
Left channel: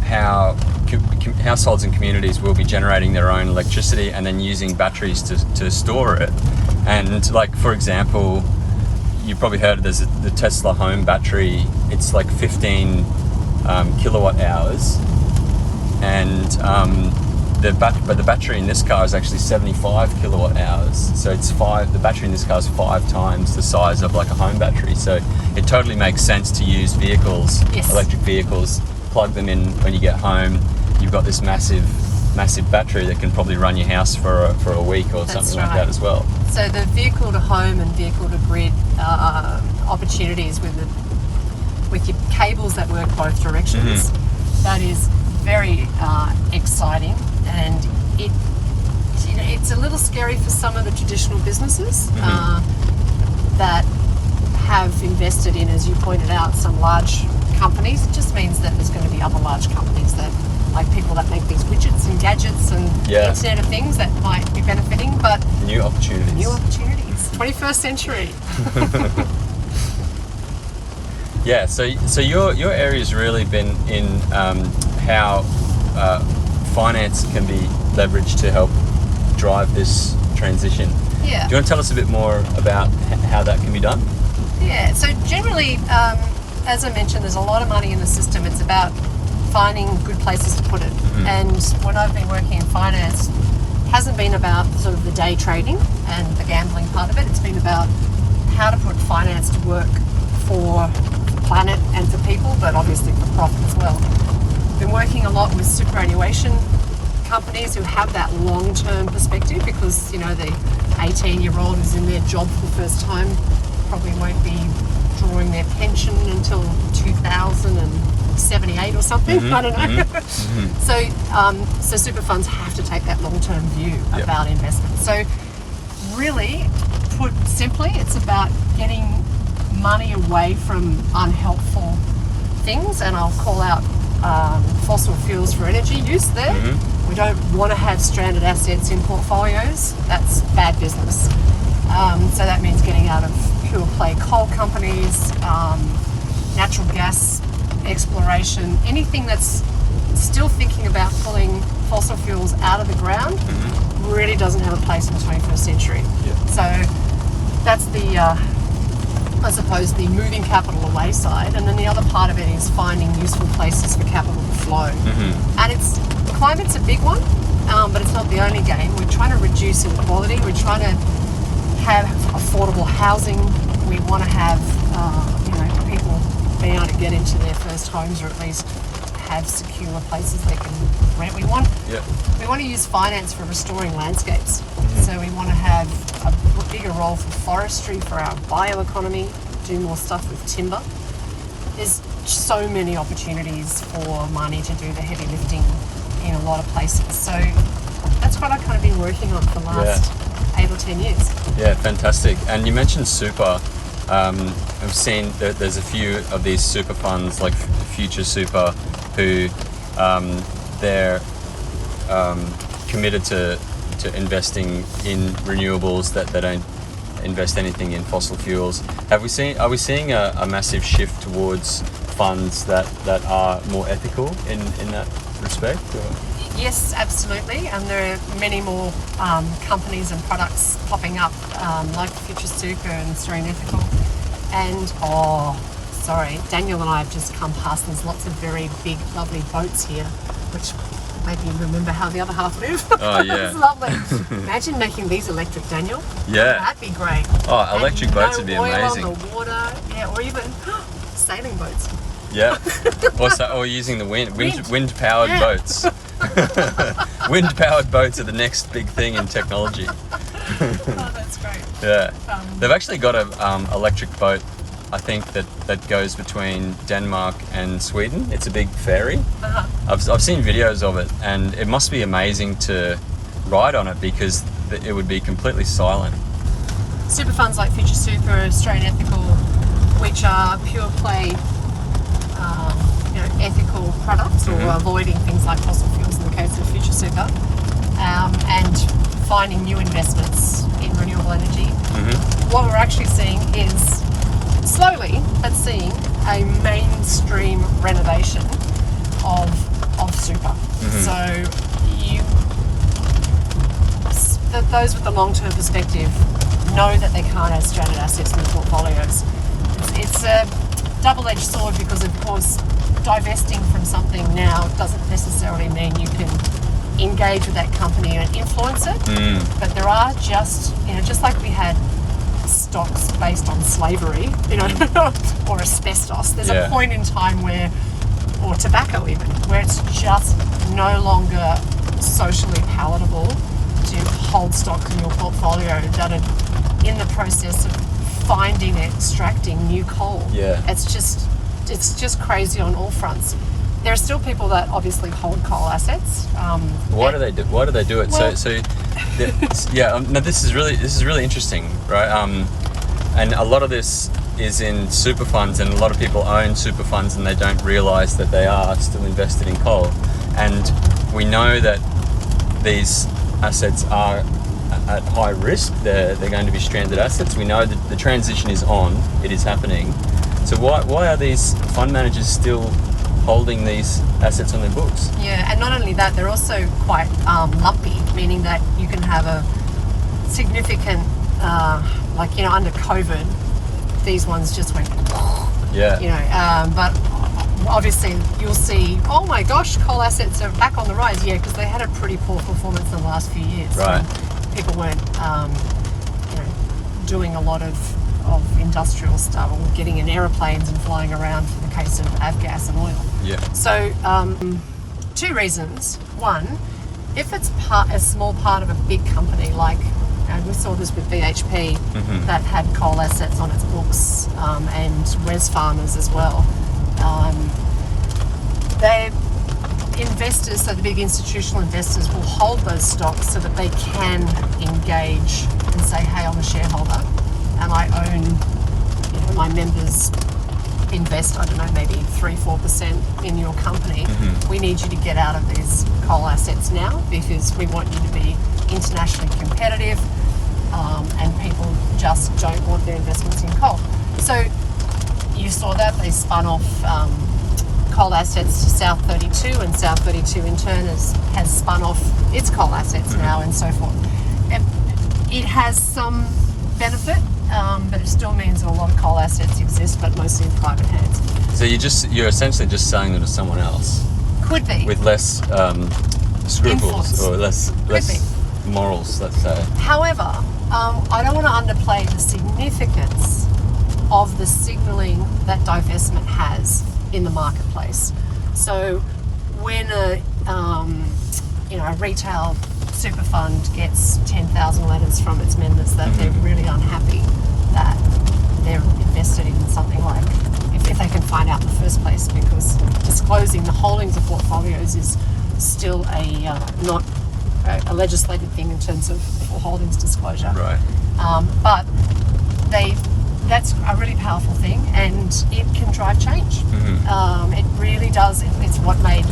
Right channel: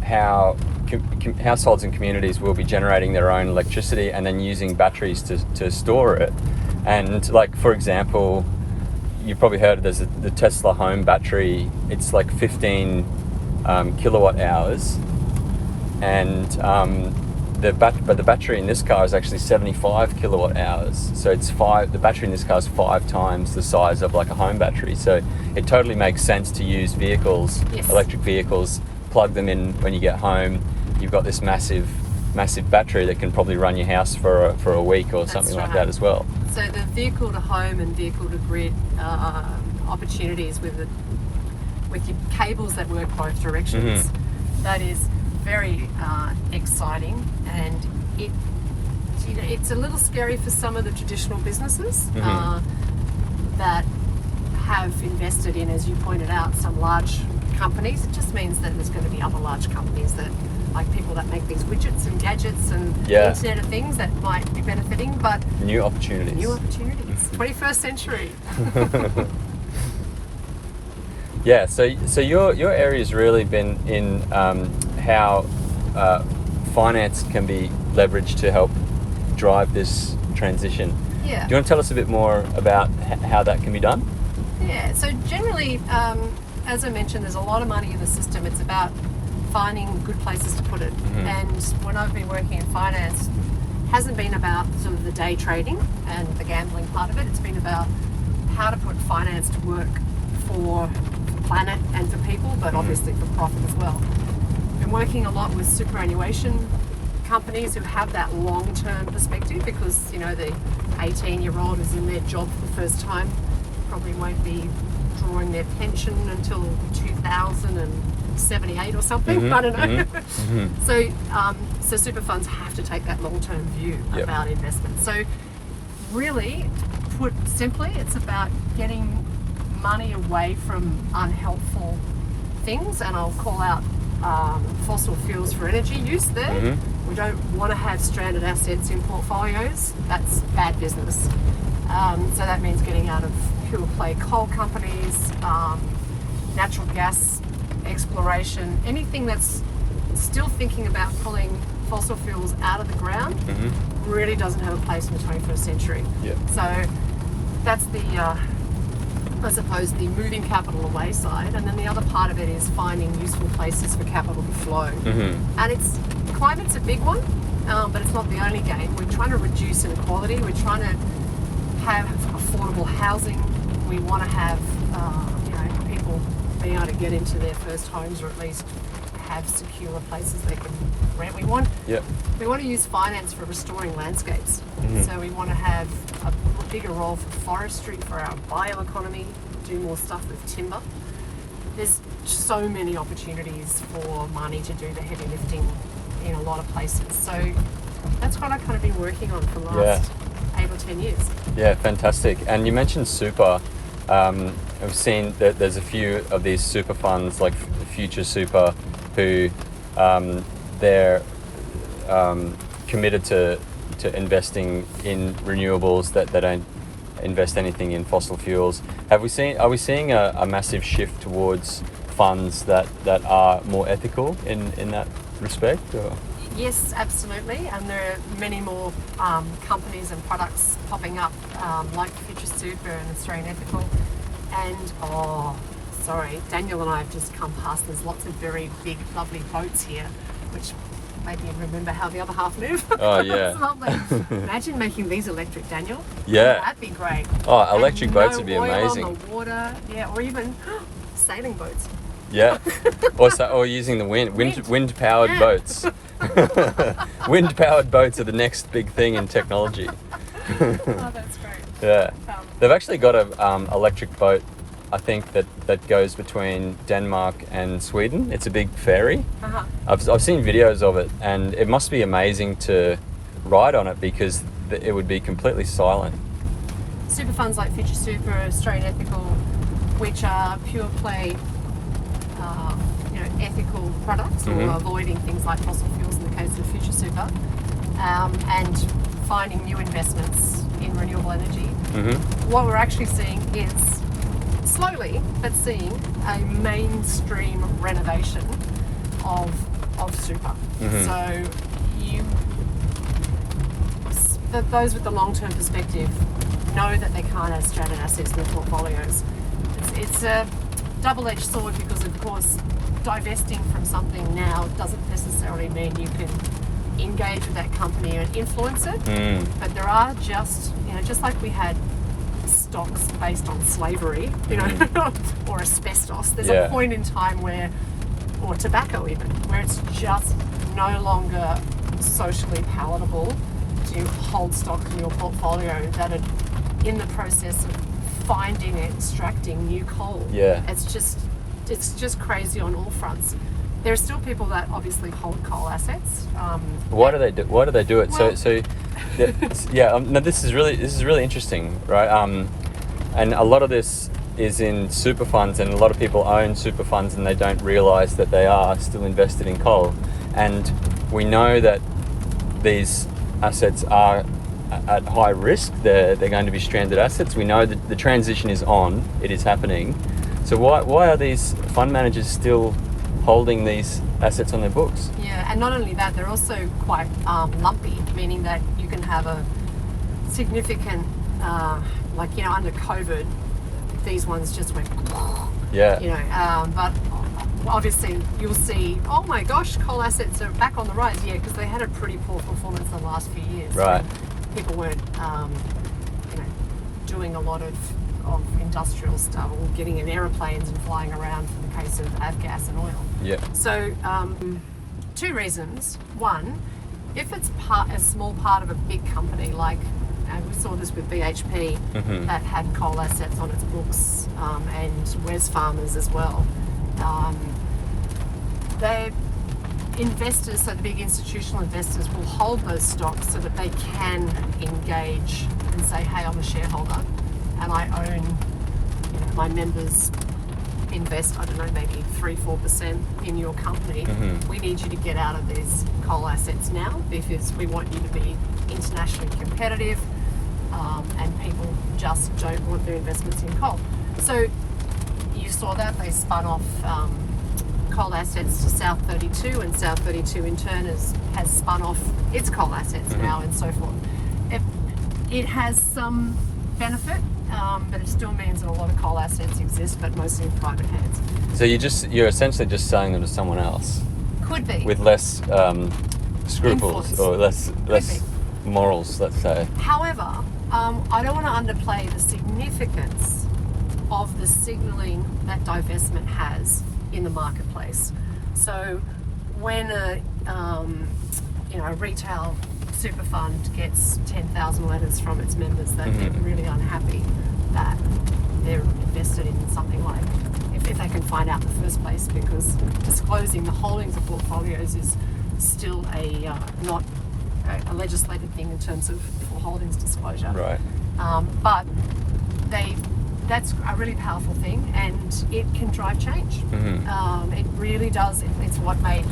how households and communities will be generating their own electricity and then using batteries to store it. And for example, you probably heard there's the Tesla home battery. It's like 15 kilowatt hours, and the battery in this car is actually 75 kilowatt hours. So the battery in this car is 5 times the size of like a home battery. So it totally makes sense to use vehicles, Yes. electric vehicles, plug them in when you get home. You've got this massive battery that can probably run your house for a week or That's something like right. that as well. So the vehicle to home and vehicle to grid opportunities with your cables that work both directions, that is very exciting, and it's a little scary for some of the traditional businesses that have invested in, as you pointed out, some large companies. It just means that there's going to be other large companies that, like people that make these widgets and gadgets and the Internet of Things, that might be benefiting, but New opportunities. 21st century. Yeah, so your area's really been in how finance can be leveraged to help drive this transition. Yeah. Do you want to tell us a bit more about how that can be done? Yeah, so generally, as I mentioned, there's a lot of money in the system. It's about finding good places to put it. And when I've been working in finance, it hasn't been about sort of the day trading and the gambling part of it. It's been about how to put finance to work for the planet and for people, but obviously for profit as well. Been working a lot with superannuation companies who have that long-term perspective, because, you know, the 18-year-old who's in their job for the first time probably won't be drawing their pension until 2078 or something. I don't know. So super funds have to take that long-term view about investment. So really, put simply, it's about getting money away from unhelpful things, and I'll call out fossil fuels for energy use there. We don't want to have stranded assets in portfolios. That's bad business. So that means getting out of pure play coal companies, natural gas exploration, anything that's still thinking about pulling fossil fuels out of the ground really doesn't have a place in the 21st century. So that's the, I suppose, the moving capital away side. And then the other part of it is finding useful places for capital to flow. And climate's a big one, but it's not the only game. We're trying to reduce inequality. We're trying to have affordable housing. We want to have, people being able to get into their first homes, or at least have secure places they can rent. We want to use finance for restoring landscapes. So we want to have a bigger role for forestry, for our bioeconomy, do more stuff with timber. There's so many opportunities for money to do the heavy lifting in a lot of places. So that's what I've kind of been working on for the last 8 or 10 years. Yeah, fantastic. And you mentioned super. I've seen that there's a few of these super funds, like Future Super, who they're committed to investing in renewables, that they don't invest anything in fossil fuels. Are we seeing a massive shift towards funds that are more ethical in that respect? Or? Yes, absolutely, and there are many more companies and products popping up, like Future Super and Australian Ethical. And Daniel and I have just come past. There's lots of very big, lovely boats here, which made me remember how the other half live. Oh yeah, it's lovely. Imagine making these electric, Daniel. Yeah, that'd be great. Oh, electric boats would be amazing. On the water, or even sailing boats. Yeah, or using the wind powered boats. Wind powered boats are the next big thing in technology. Oh, that's great. Yeah, they've actually got a electric boat, I think, that goes between Denmark and Sweden. It's a big ferry. I've seen videos of it, and it must be amazing to ride on it, because it would be completely silent. Super funds like Future Super, Australian Ethical, which are pure play ethical products, or avoiding things like fossil fuels in the case of Future Super, and finding new investments in renewable energy. What we're actually seeing is, slowly but seeing, a mainstream renovation of super. So those with the long-term perspective know that they can't have stranded assets in their portfolios. It's a double-edged sword because, of course, divesting from something now doesn't necessarily mean you can engage with that company and influence it. But there are just like we had stocks based on slavery, or asbestos. There's a point in time where, or tobacco even, where it's just no longer socially palatable to hold stocks in your portfolio that are in the process of finding and extracting new coal. It's just crazy on all fronts. There are still people that obviously hold coal assets. Why do they do it? Well, no, this is really interesting, right? And a lot of this is in super funds, and a lot of people own super funds and they don't realise that they are still invested in coal. And we know that these assets are at high risk. They're going to be stranded assets. We know that the transition is on. It is happening. So why are these fund managers still holding these assets on their books? Yeah, and not only that, they're also quite lumpy, meaning that you can have a significant, under COVID, these ones just went, but obviously you'll see, oh my gosh, coal assets are back on the rise. Yeah, because they had a pretty poor performance in the last few years. Right. People weren't, doing a lot of industrial stuff, or getting in aeroplanes and flying around for the case of avgas and oil. Yeah. So, two reasons. One, if it's a small part of a big company, like we saw this with BHP, that had coal assets on its books, and Wesfarmers as well. They investors, so the big institutional investors, will hold those stocks so that they can engage and say, hey, I'm a shareholder and I own, my members invest, I don't know, maybe 3-4% in your company. We need you to get out of these coal assets now because we want you to be internationally competitive, and people just don't want their investments in coal. So you saw that they spun off coal assets to South 32, and South 32 in turn has spun off its coal assets now, and so forth. It has some benefit, but it still means that a lot of coal assets exist, but mostly in private hands. So you're essentially just selling them to someone else. Could be. With less scruples. Influence. Or less morals, let's say. However, I don't want to underplay the significance of the signalling that divestment has in the marketplace. So when a retail super fund gets 10,000 letters from its members that they're really unhappy that they're invested in something like, if they can find out in the first place, because disclosing the holdings of portfolios is still not a legislated thing in terms of holdings disclosure. Right. But that's a really powerful thing, and it can drive change. It really does. It's what made,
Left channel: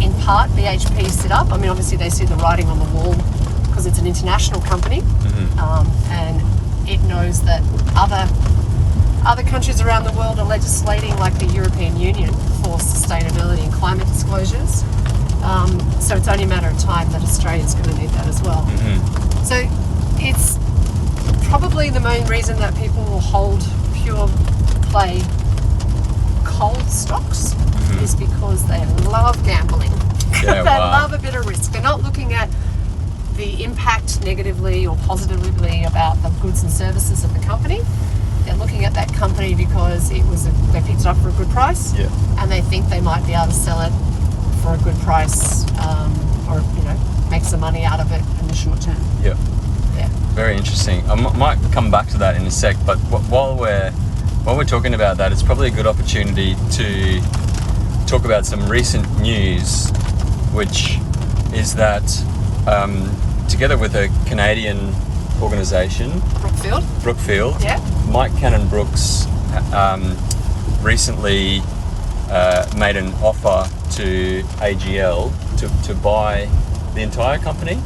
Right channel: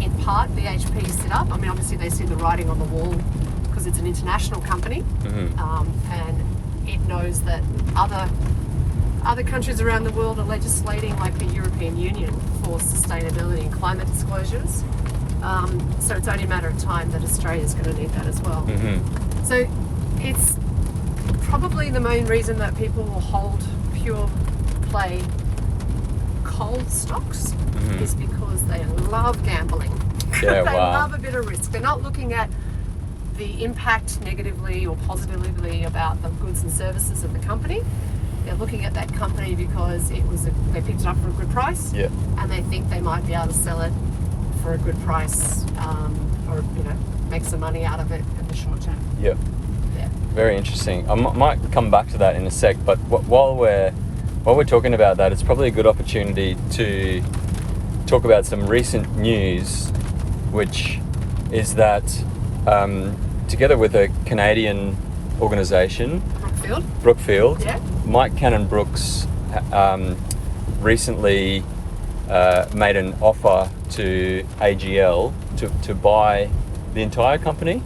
in part, BHP sit up. I mean, obviously they see the writing on the wall because it's an international company, and it knows that other countries around the world are legislating, like the European Union, for sustainability and climate disclosures. So it's only a matter of time that Australia's going to need that as well. So it's probably the main reason that people will hold pure play coal stocks is because they love gambling. Yeah, They wow. love a bit of risk. They're not looking at the impact negatively or positively about the goods and services of the company. They're looking at that company because they picked it up for a good price, and they think they might be able to sell it for a good price, or make some money out of it in the short term. Yeah. Yeah. Very interesting. I might come back to that in a sec, but while we're talking about that, it's probably a good opportunity to talk about some recent news, which is that together with a Canadian organisation, Brookfield, Mike Cannon-Brookes recently made an offer to AGL to buy the entire company,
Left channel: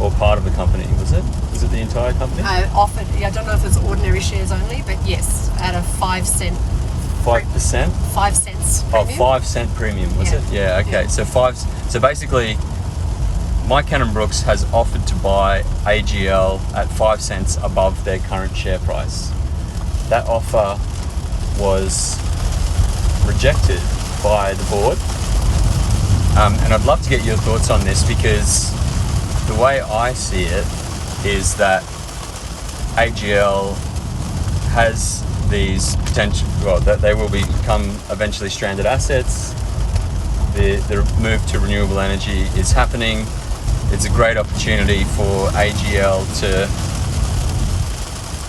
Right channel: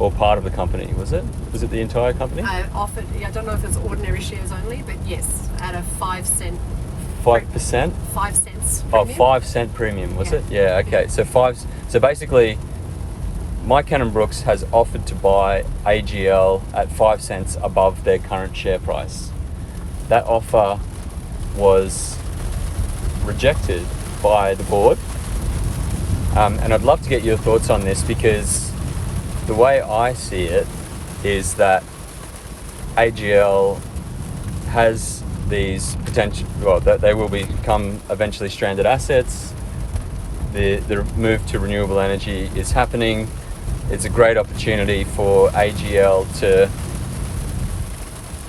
or part of the company. Was it the entire company? Offered, I don't know if it's ordinary shares only, but yes, at a 5 cent. 5%? 5 cents premium. 5 cent premium, was Yeah. it? Yeah, okay. Yeah. So basically Mike Cannon-Brookes has offered to buy AGL at 5 cents above their current share price. That offer was rejected by the board. And I'd love to get your thoughts on this, because the way I see it is that AGL has these potential, well, that they will become eventually stranded assets. The move to renewable energy is happening. It's a great opportunity for AGL to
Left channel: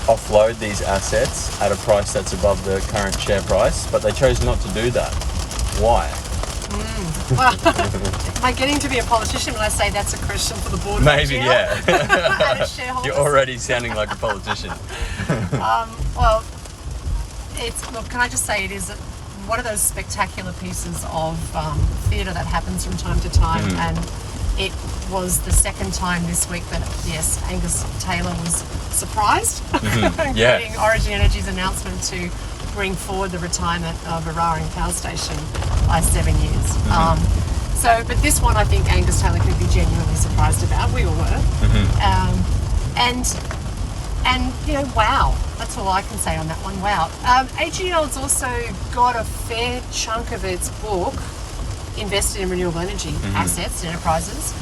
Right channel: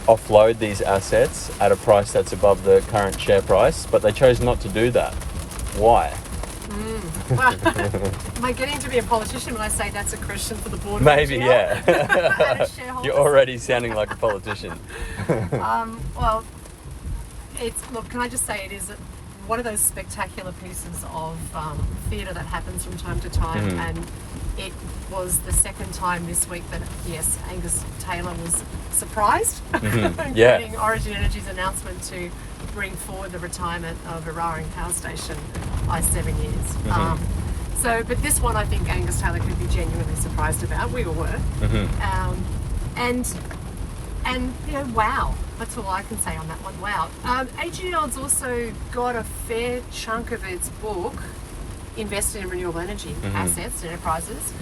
offload these assets at a price that's above the current share price, but they chose not to do that. Why? Well, am I getting to be a politician when I say that's a question for the board of Maybe, AGL? yeah. And as shareholders? You're already sounding like a politician. Well, look, can I just say it is one of those spectacular pieces of theatre that happens from time to time, and it was the second time this week that, yes, Angus Taylor was surprised, including Origin Energy's announcement to bring forward the retirement of Eraring Power Station by 7 years. But this one I think Angus Taylor could be genuinely surprised about. We all were. And you know, wow, that's all I can say on that one. Wow. AGL's also got a fair chunk of its book invested in renewable energy assets and enterprises,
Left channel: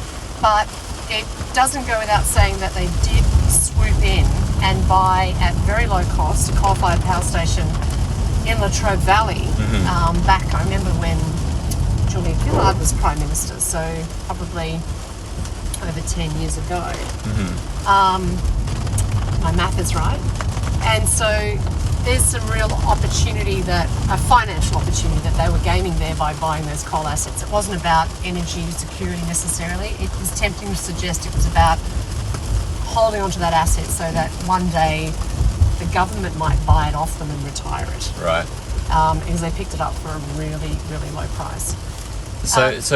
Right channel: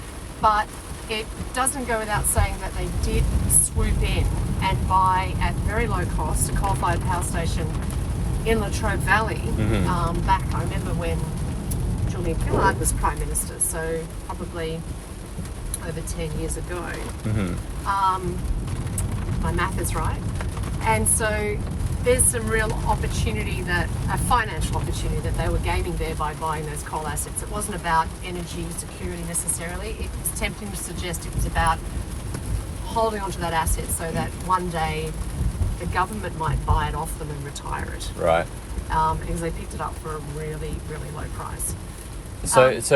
but it doesn't go without saying that they did swoop in and buy at very low cost a coal-fired power station in Latrobe Valley back, I remember when Julia Gillard was Prime Minister, so probably over 10 years ago. My math is right. And so there's some real opportunity, a financial opportunity that they were gaming there by buying those coal assets. It wasn't about energy security necessarily. It was tempting to suggest it was about holding onto that asset so that one day the government might buy it off them and retire it. Right. Because they picked it up for a really, really low price. So it's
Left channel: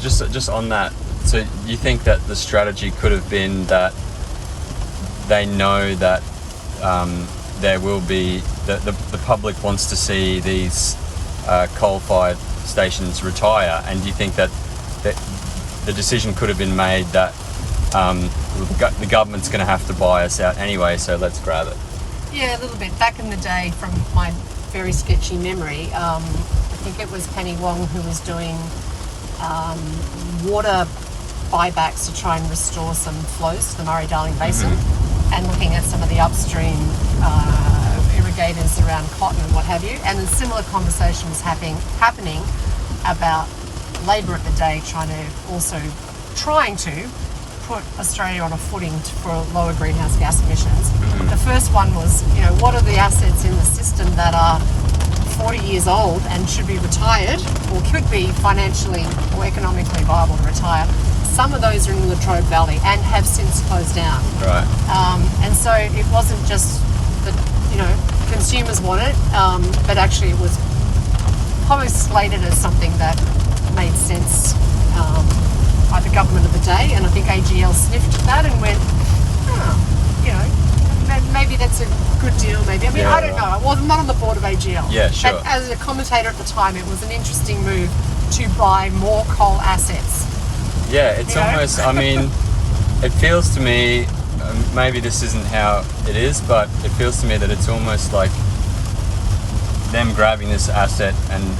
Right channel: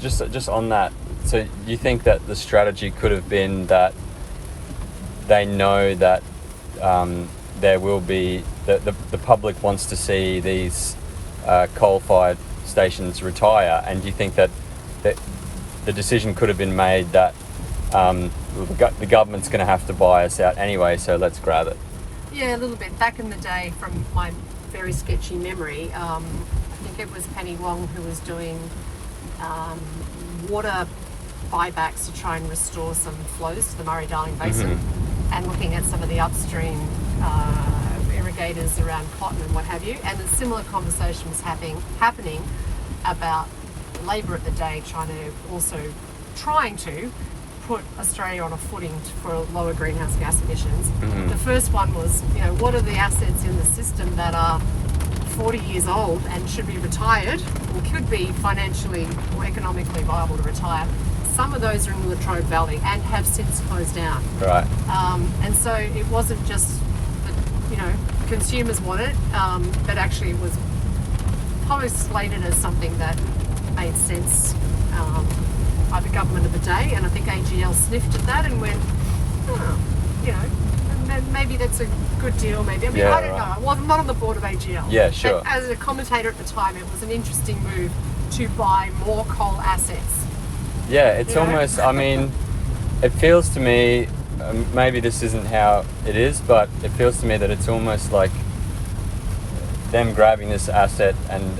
just on that. So you think that the strategy could have been that they know that there will be the public wants to see these coal-fired stations retire, and do you think that the decision could have been made that the government's going to have to buy us out anyway, so let's grab it? Yeah, a little bit. Back in the day, from my very sketchy memory, I think it was Penny Wong who was doing water buybacks to try and restore some flows to the Murray-Darling Basin, and looking at some of the upstream irrigators around cotton and what have you. And a similar conversation was happening about Labor at the day trying to put Australia on a footing for lower greenhouse gas emissions. The first one was, you know, what are the assets in the system that are 40 years old and should be retired, or could be financially or economically viable to retire? Some of those are in the Latrobe Valley and have since closed down. Right. And so it wasn't just that, you know, consumers want it, but actually it was probably slated as something that made sense by the government of the day. And I think AGL sniffed at that and went, you know, maybe that's a good deal, maybe. I mean, I don't know. I'm not on the board of AGL. Yeah, sure. But as a commentator at the time, it was an interesting move to buy more coal assets. Yeah, it's almost, I mean, it feels to me, maybe this isn't how it is, but it feels to me that it's almost like them grabbing this asset and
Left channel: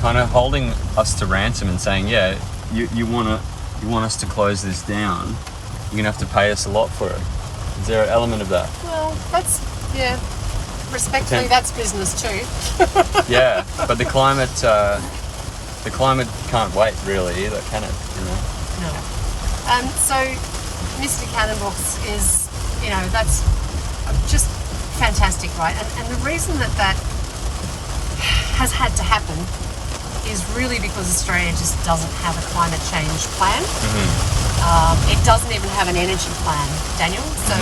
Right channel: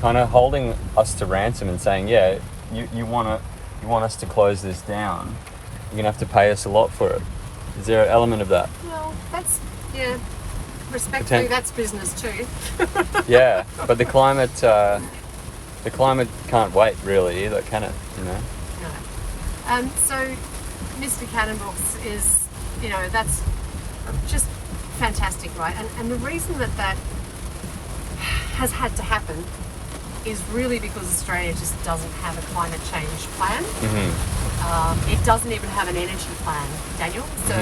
kind of holding us to ransom and saying, yeah, you want us to close this down, you're going to have to pay us a lot for it. Is there an element of that? Well, that's, yeah, respectfully, that's business too. Yeah, but the climate can't wait really either, can it? You know? No. So Mr. Cannon-Brookes is, you know, that's just fantastic, right? And the reason that has had to happen is really because Australia just doesn't have a climate change plan. It doesn't even have an energy plan, Daniel. So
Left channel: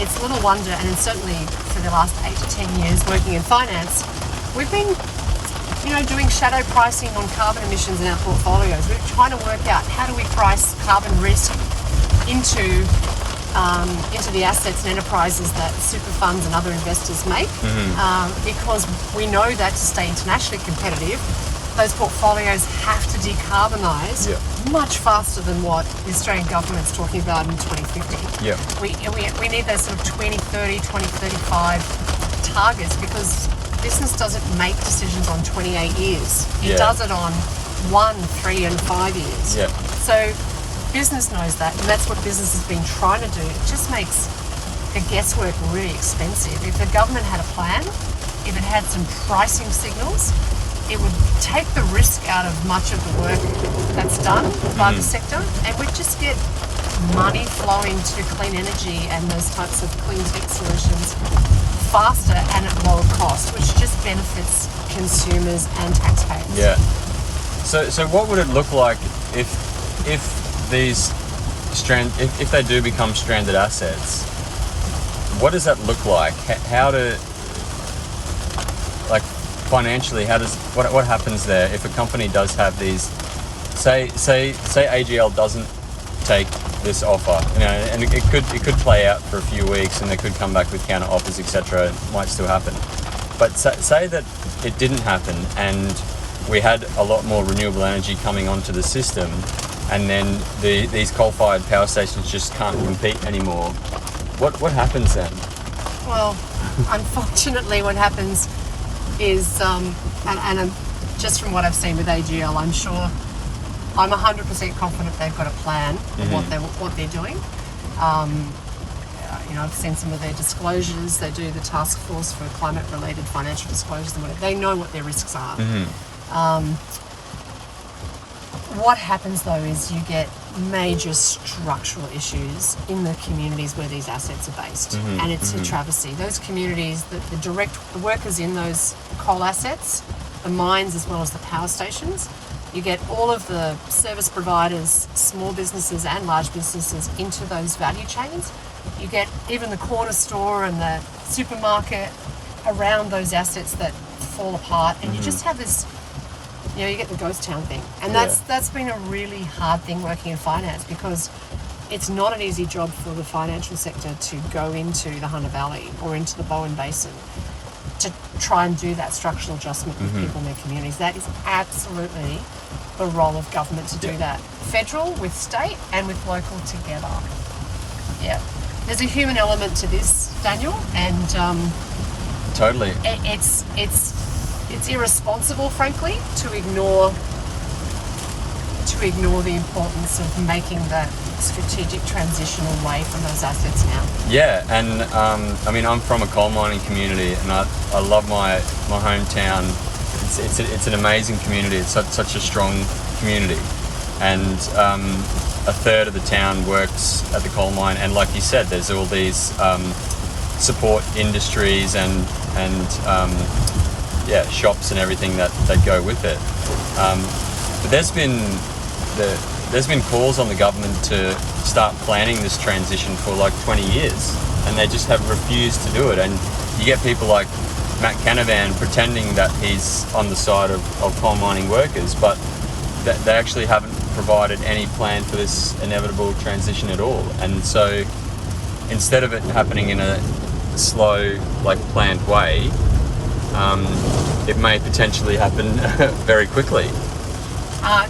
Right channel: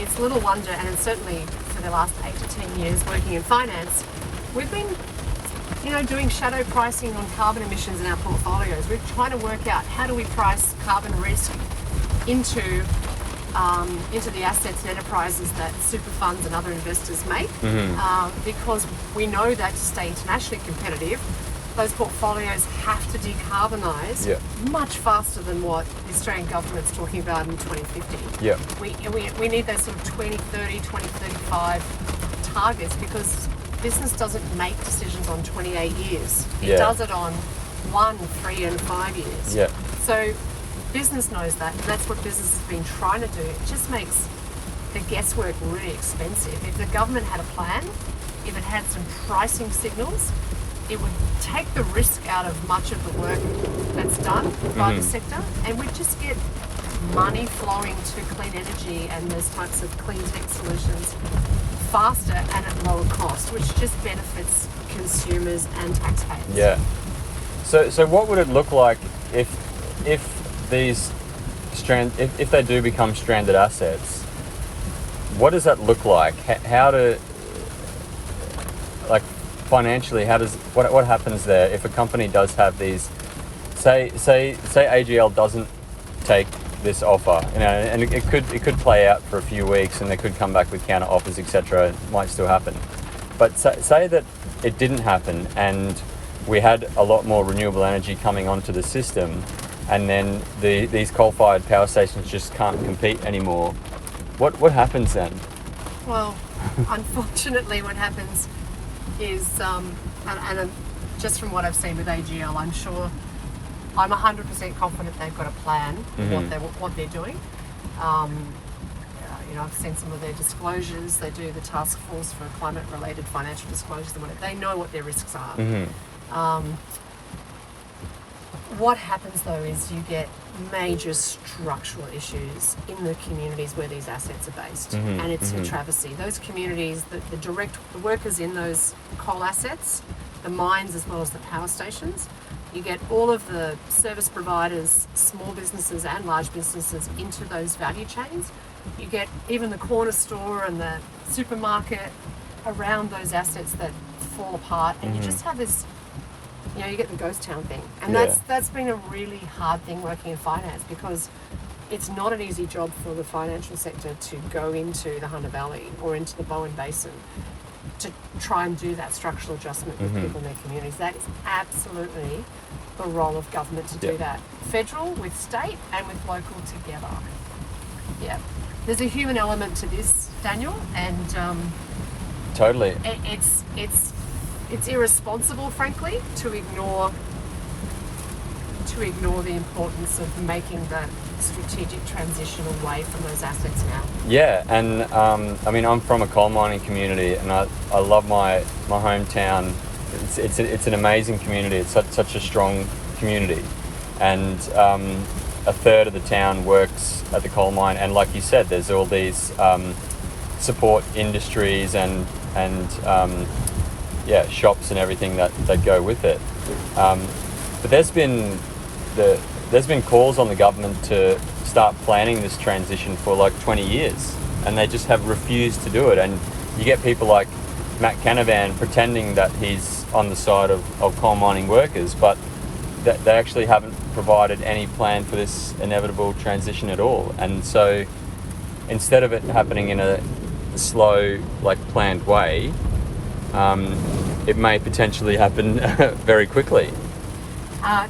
it's little wonder, and certainly for the last 8 to 10 years working in finance, we've been, you know, doing shadow pricing on carbon emissions in our portfolios. We're trying to work out how do we price carbon risk into the assets and enterprises that super funds and other investors make, because we know that to stay internationally competitive, those portfolios have to decarbonise much faster than what the Australian government's talking about in 2050. Yeah. We need those sort of 2030, 2035 targets, because business doesn't make decisions on 28 years. It does it on 1, 3 and 5 years. Yeah. So business knows that, and that's what business has been trying to do. It just makes the guesswork really expensive. If the government had a plan, if it had some pricing signals, it would take the risk out of much of the work that's done by the sector, and we'd just get money flowing to clean energy and those types of clean tech solutions faster and at lower cost, which just benefits consumers and taxpayers. Yeah. So what would it look like if these if they do become stranded assets? What does that look like? How to, like, financially, what happens there if a company does have these? Say AGL doesn't take this offer, and it could play out for a few weeks, and they could come back with counter offers, etc. It might still happen, but say that it didn't happen, and we had a lot more renewable energy coming onto the system, and then these coal-fired power stations just can't compete anymore. What happens then? Well, unfortunately, what happens is, and just from what I've seen with AGL, I'm 100% confident they've got a plan of what they're doing. I've seen some of their disclosures. They do the task force for climate-related financial disclosures and whatever. They know what their risks are. What happens though is you get major structural issues in the communities where these assets are based, and it's a travesty. Those communities, the workers in those coal assets, the mines as well as the power stations, you get all of the service providers, small businesses and large businesses into those value chains. You get even the corner store and the supermarket around those assets that fall apart, and you just have this, you get the ghost town thing. And that's been a really hard thing working in finance, because it's not an easy job for the financial sector to go into the Hunter Valley or into the Bowen Basin to try and do that structural adjustment with people in their communities. That is absolutely the role of government to do that. Federal with state and with local together. Yeah. There's a human element to this, Daniel, and totally. It's irresponsible, frankly, to ignore the importance of making that strategic transition away from those assets now. Yeah, and I'm from a coal mining community, and I love my hometown. It's an amazing community. It's such a strong community, and a third of the town works at the coal mine. And like you said, there's all these support industries and shops and everything that go with it. But there's been calls on the government to start planning this transition for like 20 years, and they just have refused to do it. And you get people like Matt Canavan pretending that he's on the side of coal mining workers, but they actually haven't provided any plan for this inevitable transition at all. And so instead of it happening in a slow, like, planned way, it may potentially happen very quickly.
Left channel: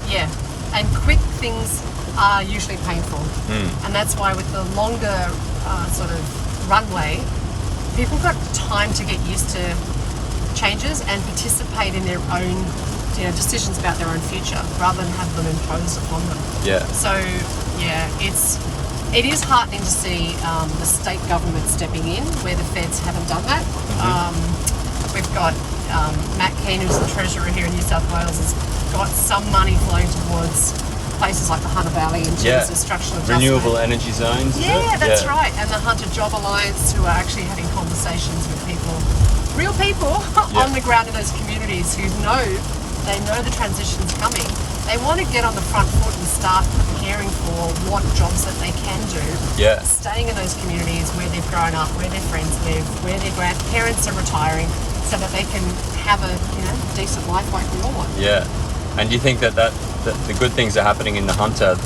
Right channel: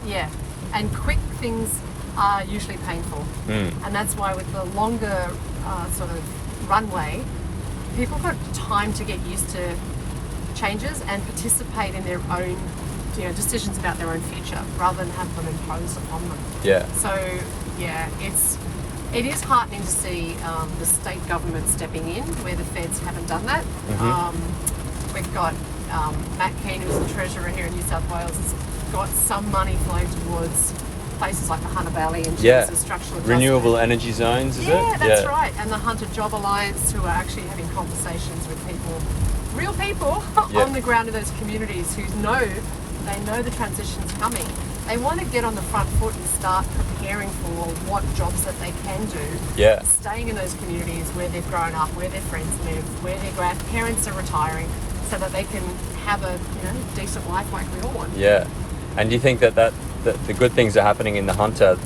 Yeah, and quick things are usually painful, and that's why with the longer sort of runway, people got time to get used to changes and participate in their own decisions about their own future, rather than have them imposed upon them. Yeah. So yeah, it is heartening to see the state government stepping in where the feds haven't done that. We've got Matt Keane, who's the Treasurer here in New South Wales, has got some money flowing towards places like the Hunter Valley in terms of structural adjustment. Renewable energy zones, is Yeah, it? that's right. And the Hunter Job Alliance, who are actually having conversations with people, real people, on the ground in those communities who know the transition's coming. They want to get on the front foot and start preparing for what jobs that they can do. Yeah. Staying in those communities where they've grown up, where their friends live, where their grandparents are retiring, so that they can have a decent life like we all want. Yeah. And do you think that the good things are happening in the Hunter,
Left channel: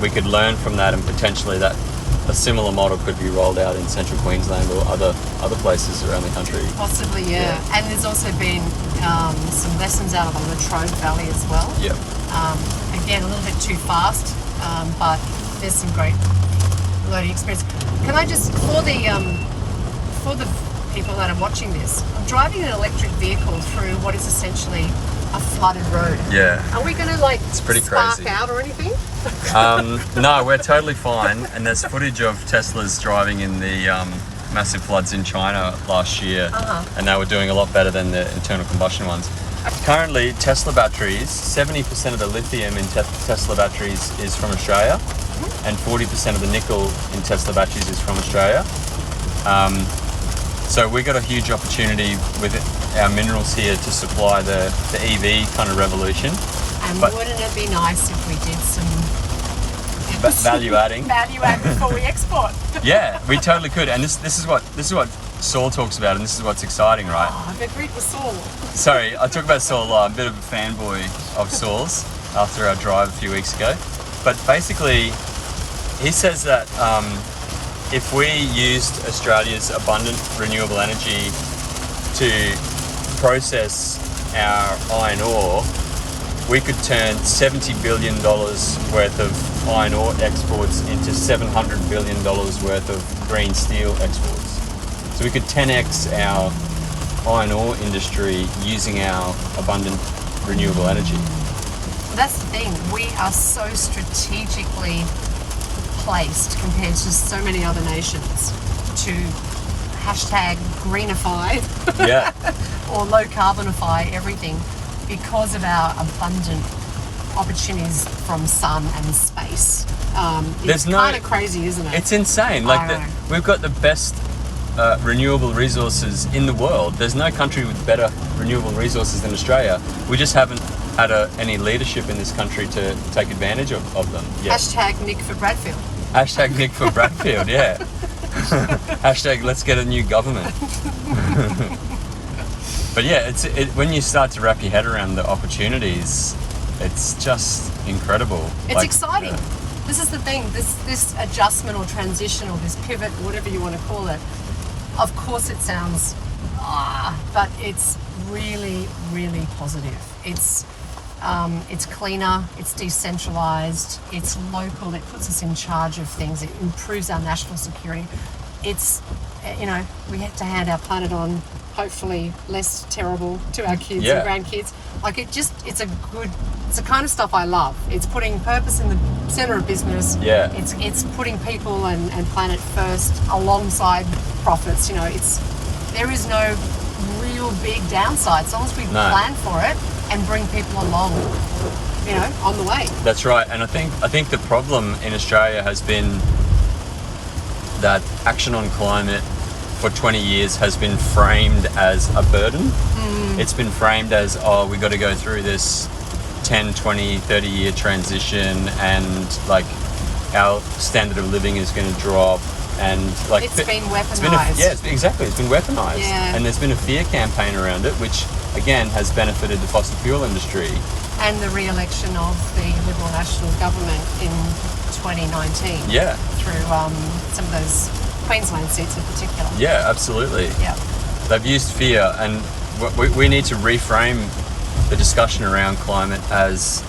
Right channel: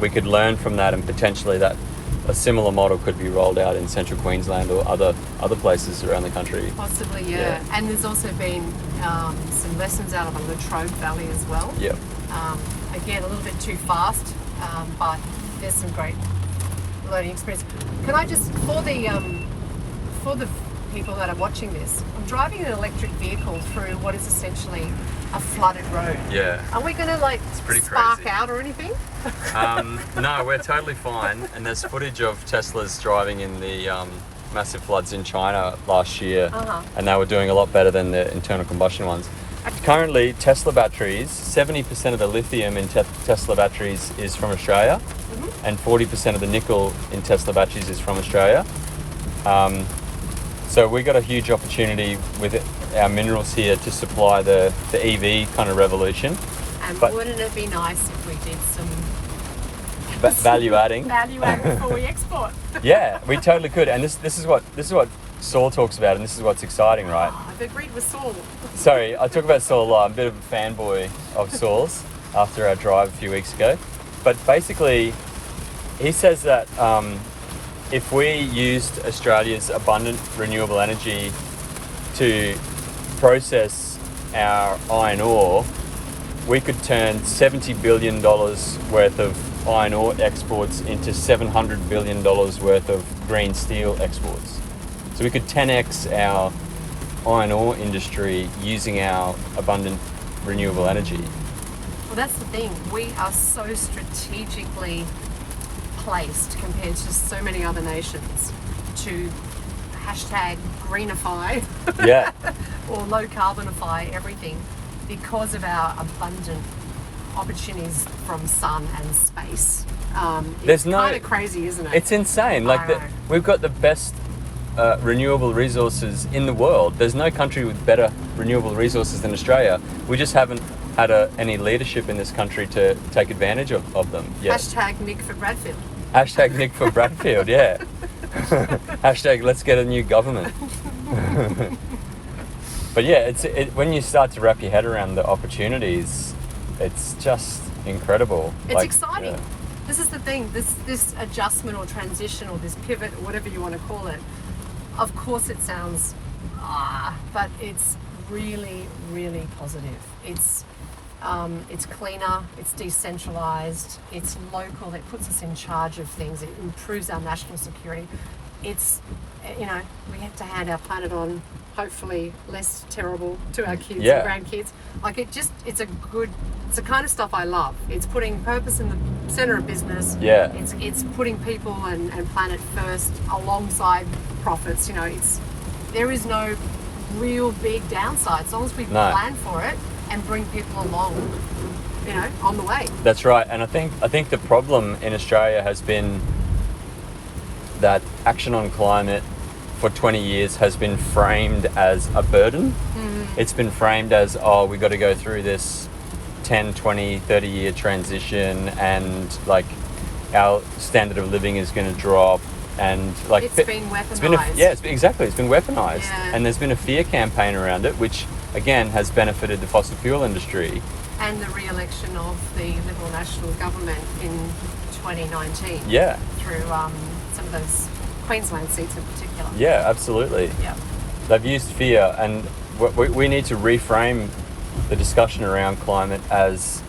we could learn from that, and potentially that a similar model could be rolled out in central Queensland or other places around the country. Possibly, yeah. And there's also been some lessons out of the Latrobe Valley as well. Yep. Again, a little bit too fast, but there's some great learning experience. Can I just, for the people that are watching this, I'm driving an electric vehicle through what is essentially a flooded road. Yeah. Are we going to It's pretty spark crazy. out or anything? No, we're totally fine. And there's footage of Teslas driving in the massive floods in China last year, and they were doing a lot better than the internal combustion ones. Currently, Tesla batteries, 70% of the lithium in Tesla batteries is from Australia, and 40% of the nickel in Tesla batteries is from Australia. So we got a huge opportunity with our minerals here to supply the EV kind of revolution. And But- wouldn't it be nice if we did some Value adding. value add before we export? Yeah, we totally could. And this is what Saul talks about, and this is what's exciting, right? Oh, I've agreed with Saul. Sorry, I talk about Saul a lot. I'm a bit of a fanboy of Saul's after our drive a few weeks ago. But basically, he says that if we used Australia's abundant renewable energy to process our iron ore, we could turn $70 billion worth of iron ore exports into $700 billion worth of green steel exports. So we could 10x our iron ore industry using our abundant renewable energy. That's the thing. We are so strategically placed compared to so many other nations to hashtag greenify Yeah. or low carbonify everything because of our abundant opportunities from sun and space. It's kind of crazy, isn't it? It's insane. I know. We've got the best renewable resources in the world. There's no country with better renewable resources than Australia. We just haven't had any leadership in this country to take advantage of them. Yeah. Hashtag Nick for Bradfield. Hashtag Nick for Bradfield, yeah. Hashtag let's get a new government. But yeah, when you start to wrap your head around the opportunities, it's just incredible. It's exciting. Yeah. This is the thing, this adjustment or transition or this pivot or whatever you want to call it, of course it sounds, but it's really, really positive. It's cleaner, it's decentralized, it's local, it puts us in charge of things, it improves our national security. It's, we have to hand our planet on, hopefully less terrible to our kids and grandkids. It's the kind of stuff I love. It's putting purpose in the center of business. Yeah. It's putting people and planet first alongside profits. There is no real big downside as long as we plan for it and bring people along, on the way. That's right. And I think the problem in Australia has been that action on climate for 20 years has been framed as a burden. It's been framed as, we've got to go through this 10, 20, 30 year transition and our standard of living is going to drop and it's been weaponized. Exactly. It's been weaponized. Yeah. And there's been a fear campaign around it, which again has benefited the fossil fuel industry. And the re-election of the Liberal National Government in 2019. Yeah. Through some of those Queensland seats in particular. Yeah, absolutely. Yeah. They've used fear, and we need to reframe the discussion around climate as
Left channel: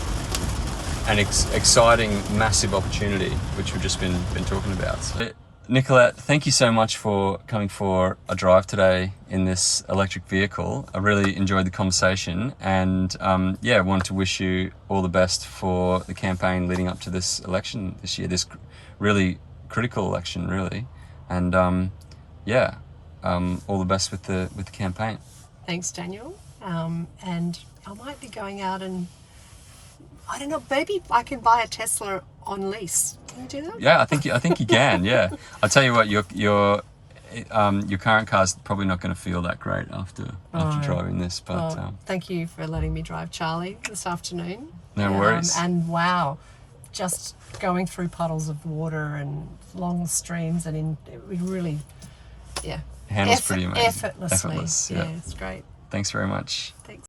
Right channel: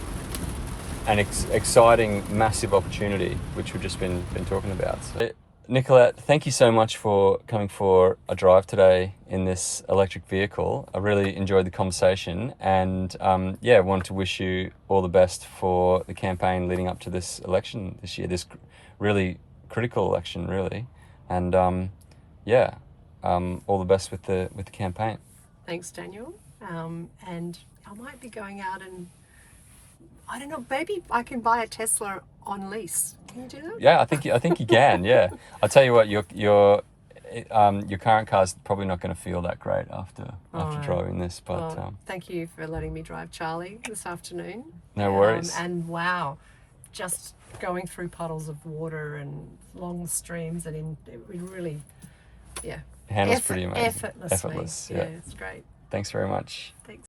an exciting, massive opportunity, which we've just been talking about. So, Nicolette, thank you so much for coming for a drive today in this electric vehicle. I really enjoyed the conversation, and wanted to wish you all the best for the campaign leading up to this election this year, this really critical election, really. And all the best with the campaign. Thanks, Daniel. And I might be going out and, I don't know, maybe I can buy a Tesla on lease. Can you do that? Yeah, I think you can. Yeah, I'll tell you what, your current car's probably not going to feel that great after driving this. But thank you for letting me drive Charlie this afternoon. No worries. And wow, just going through puddles of water and long streams and we really, handles pretty amazing. Effortlessly. Effortless. Yeah, it's great. Thanks very much. Thanks.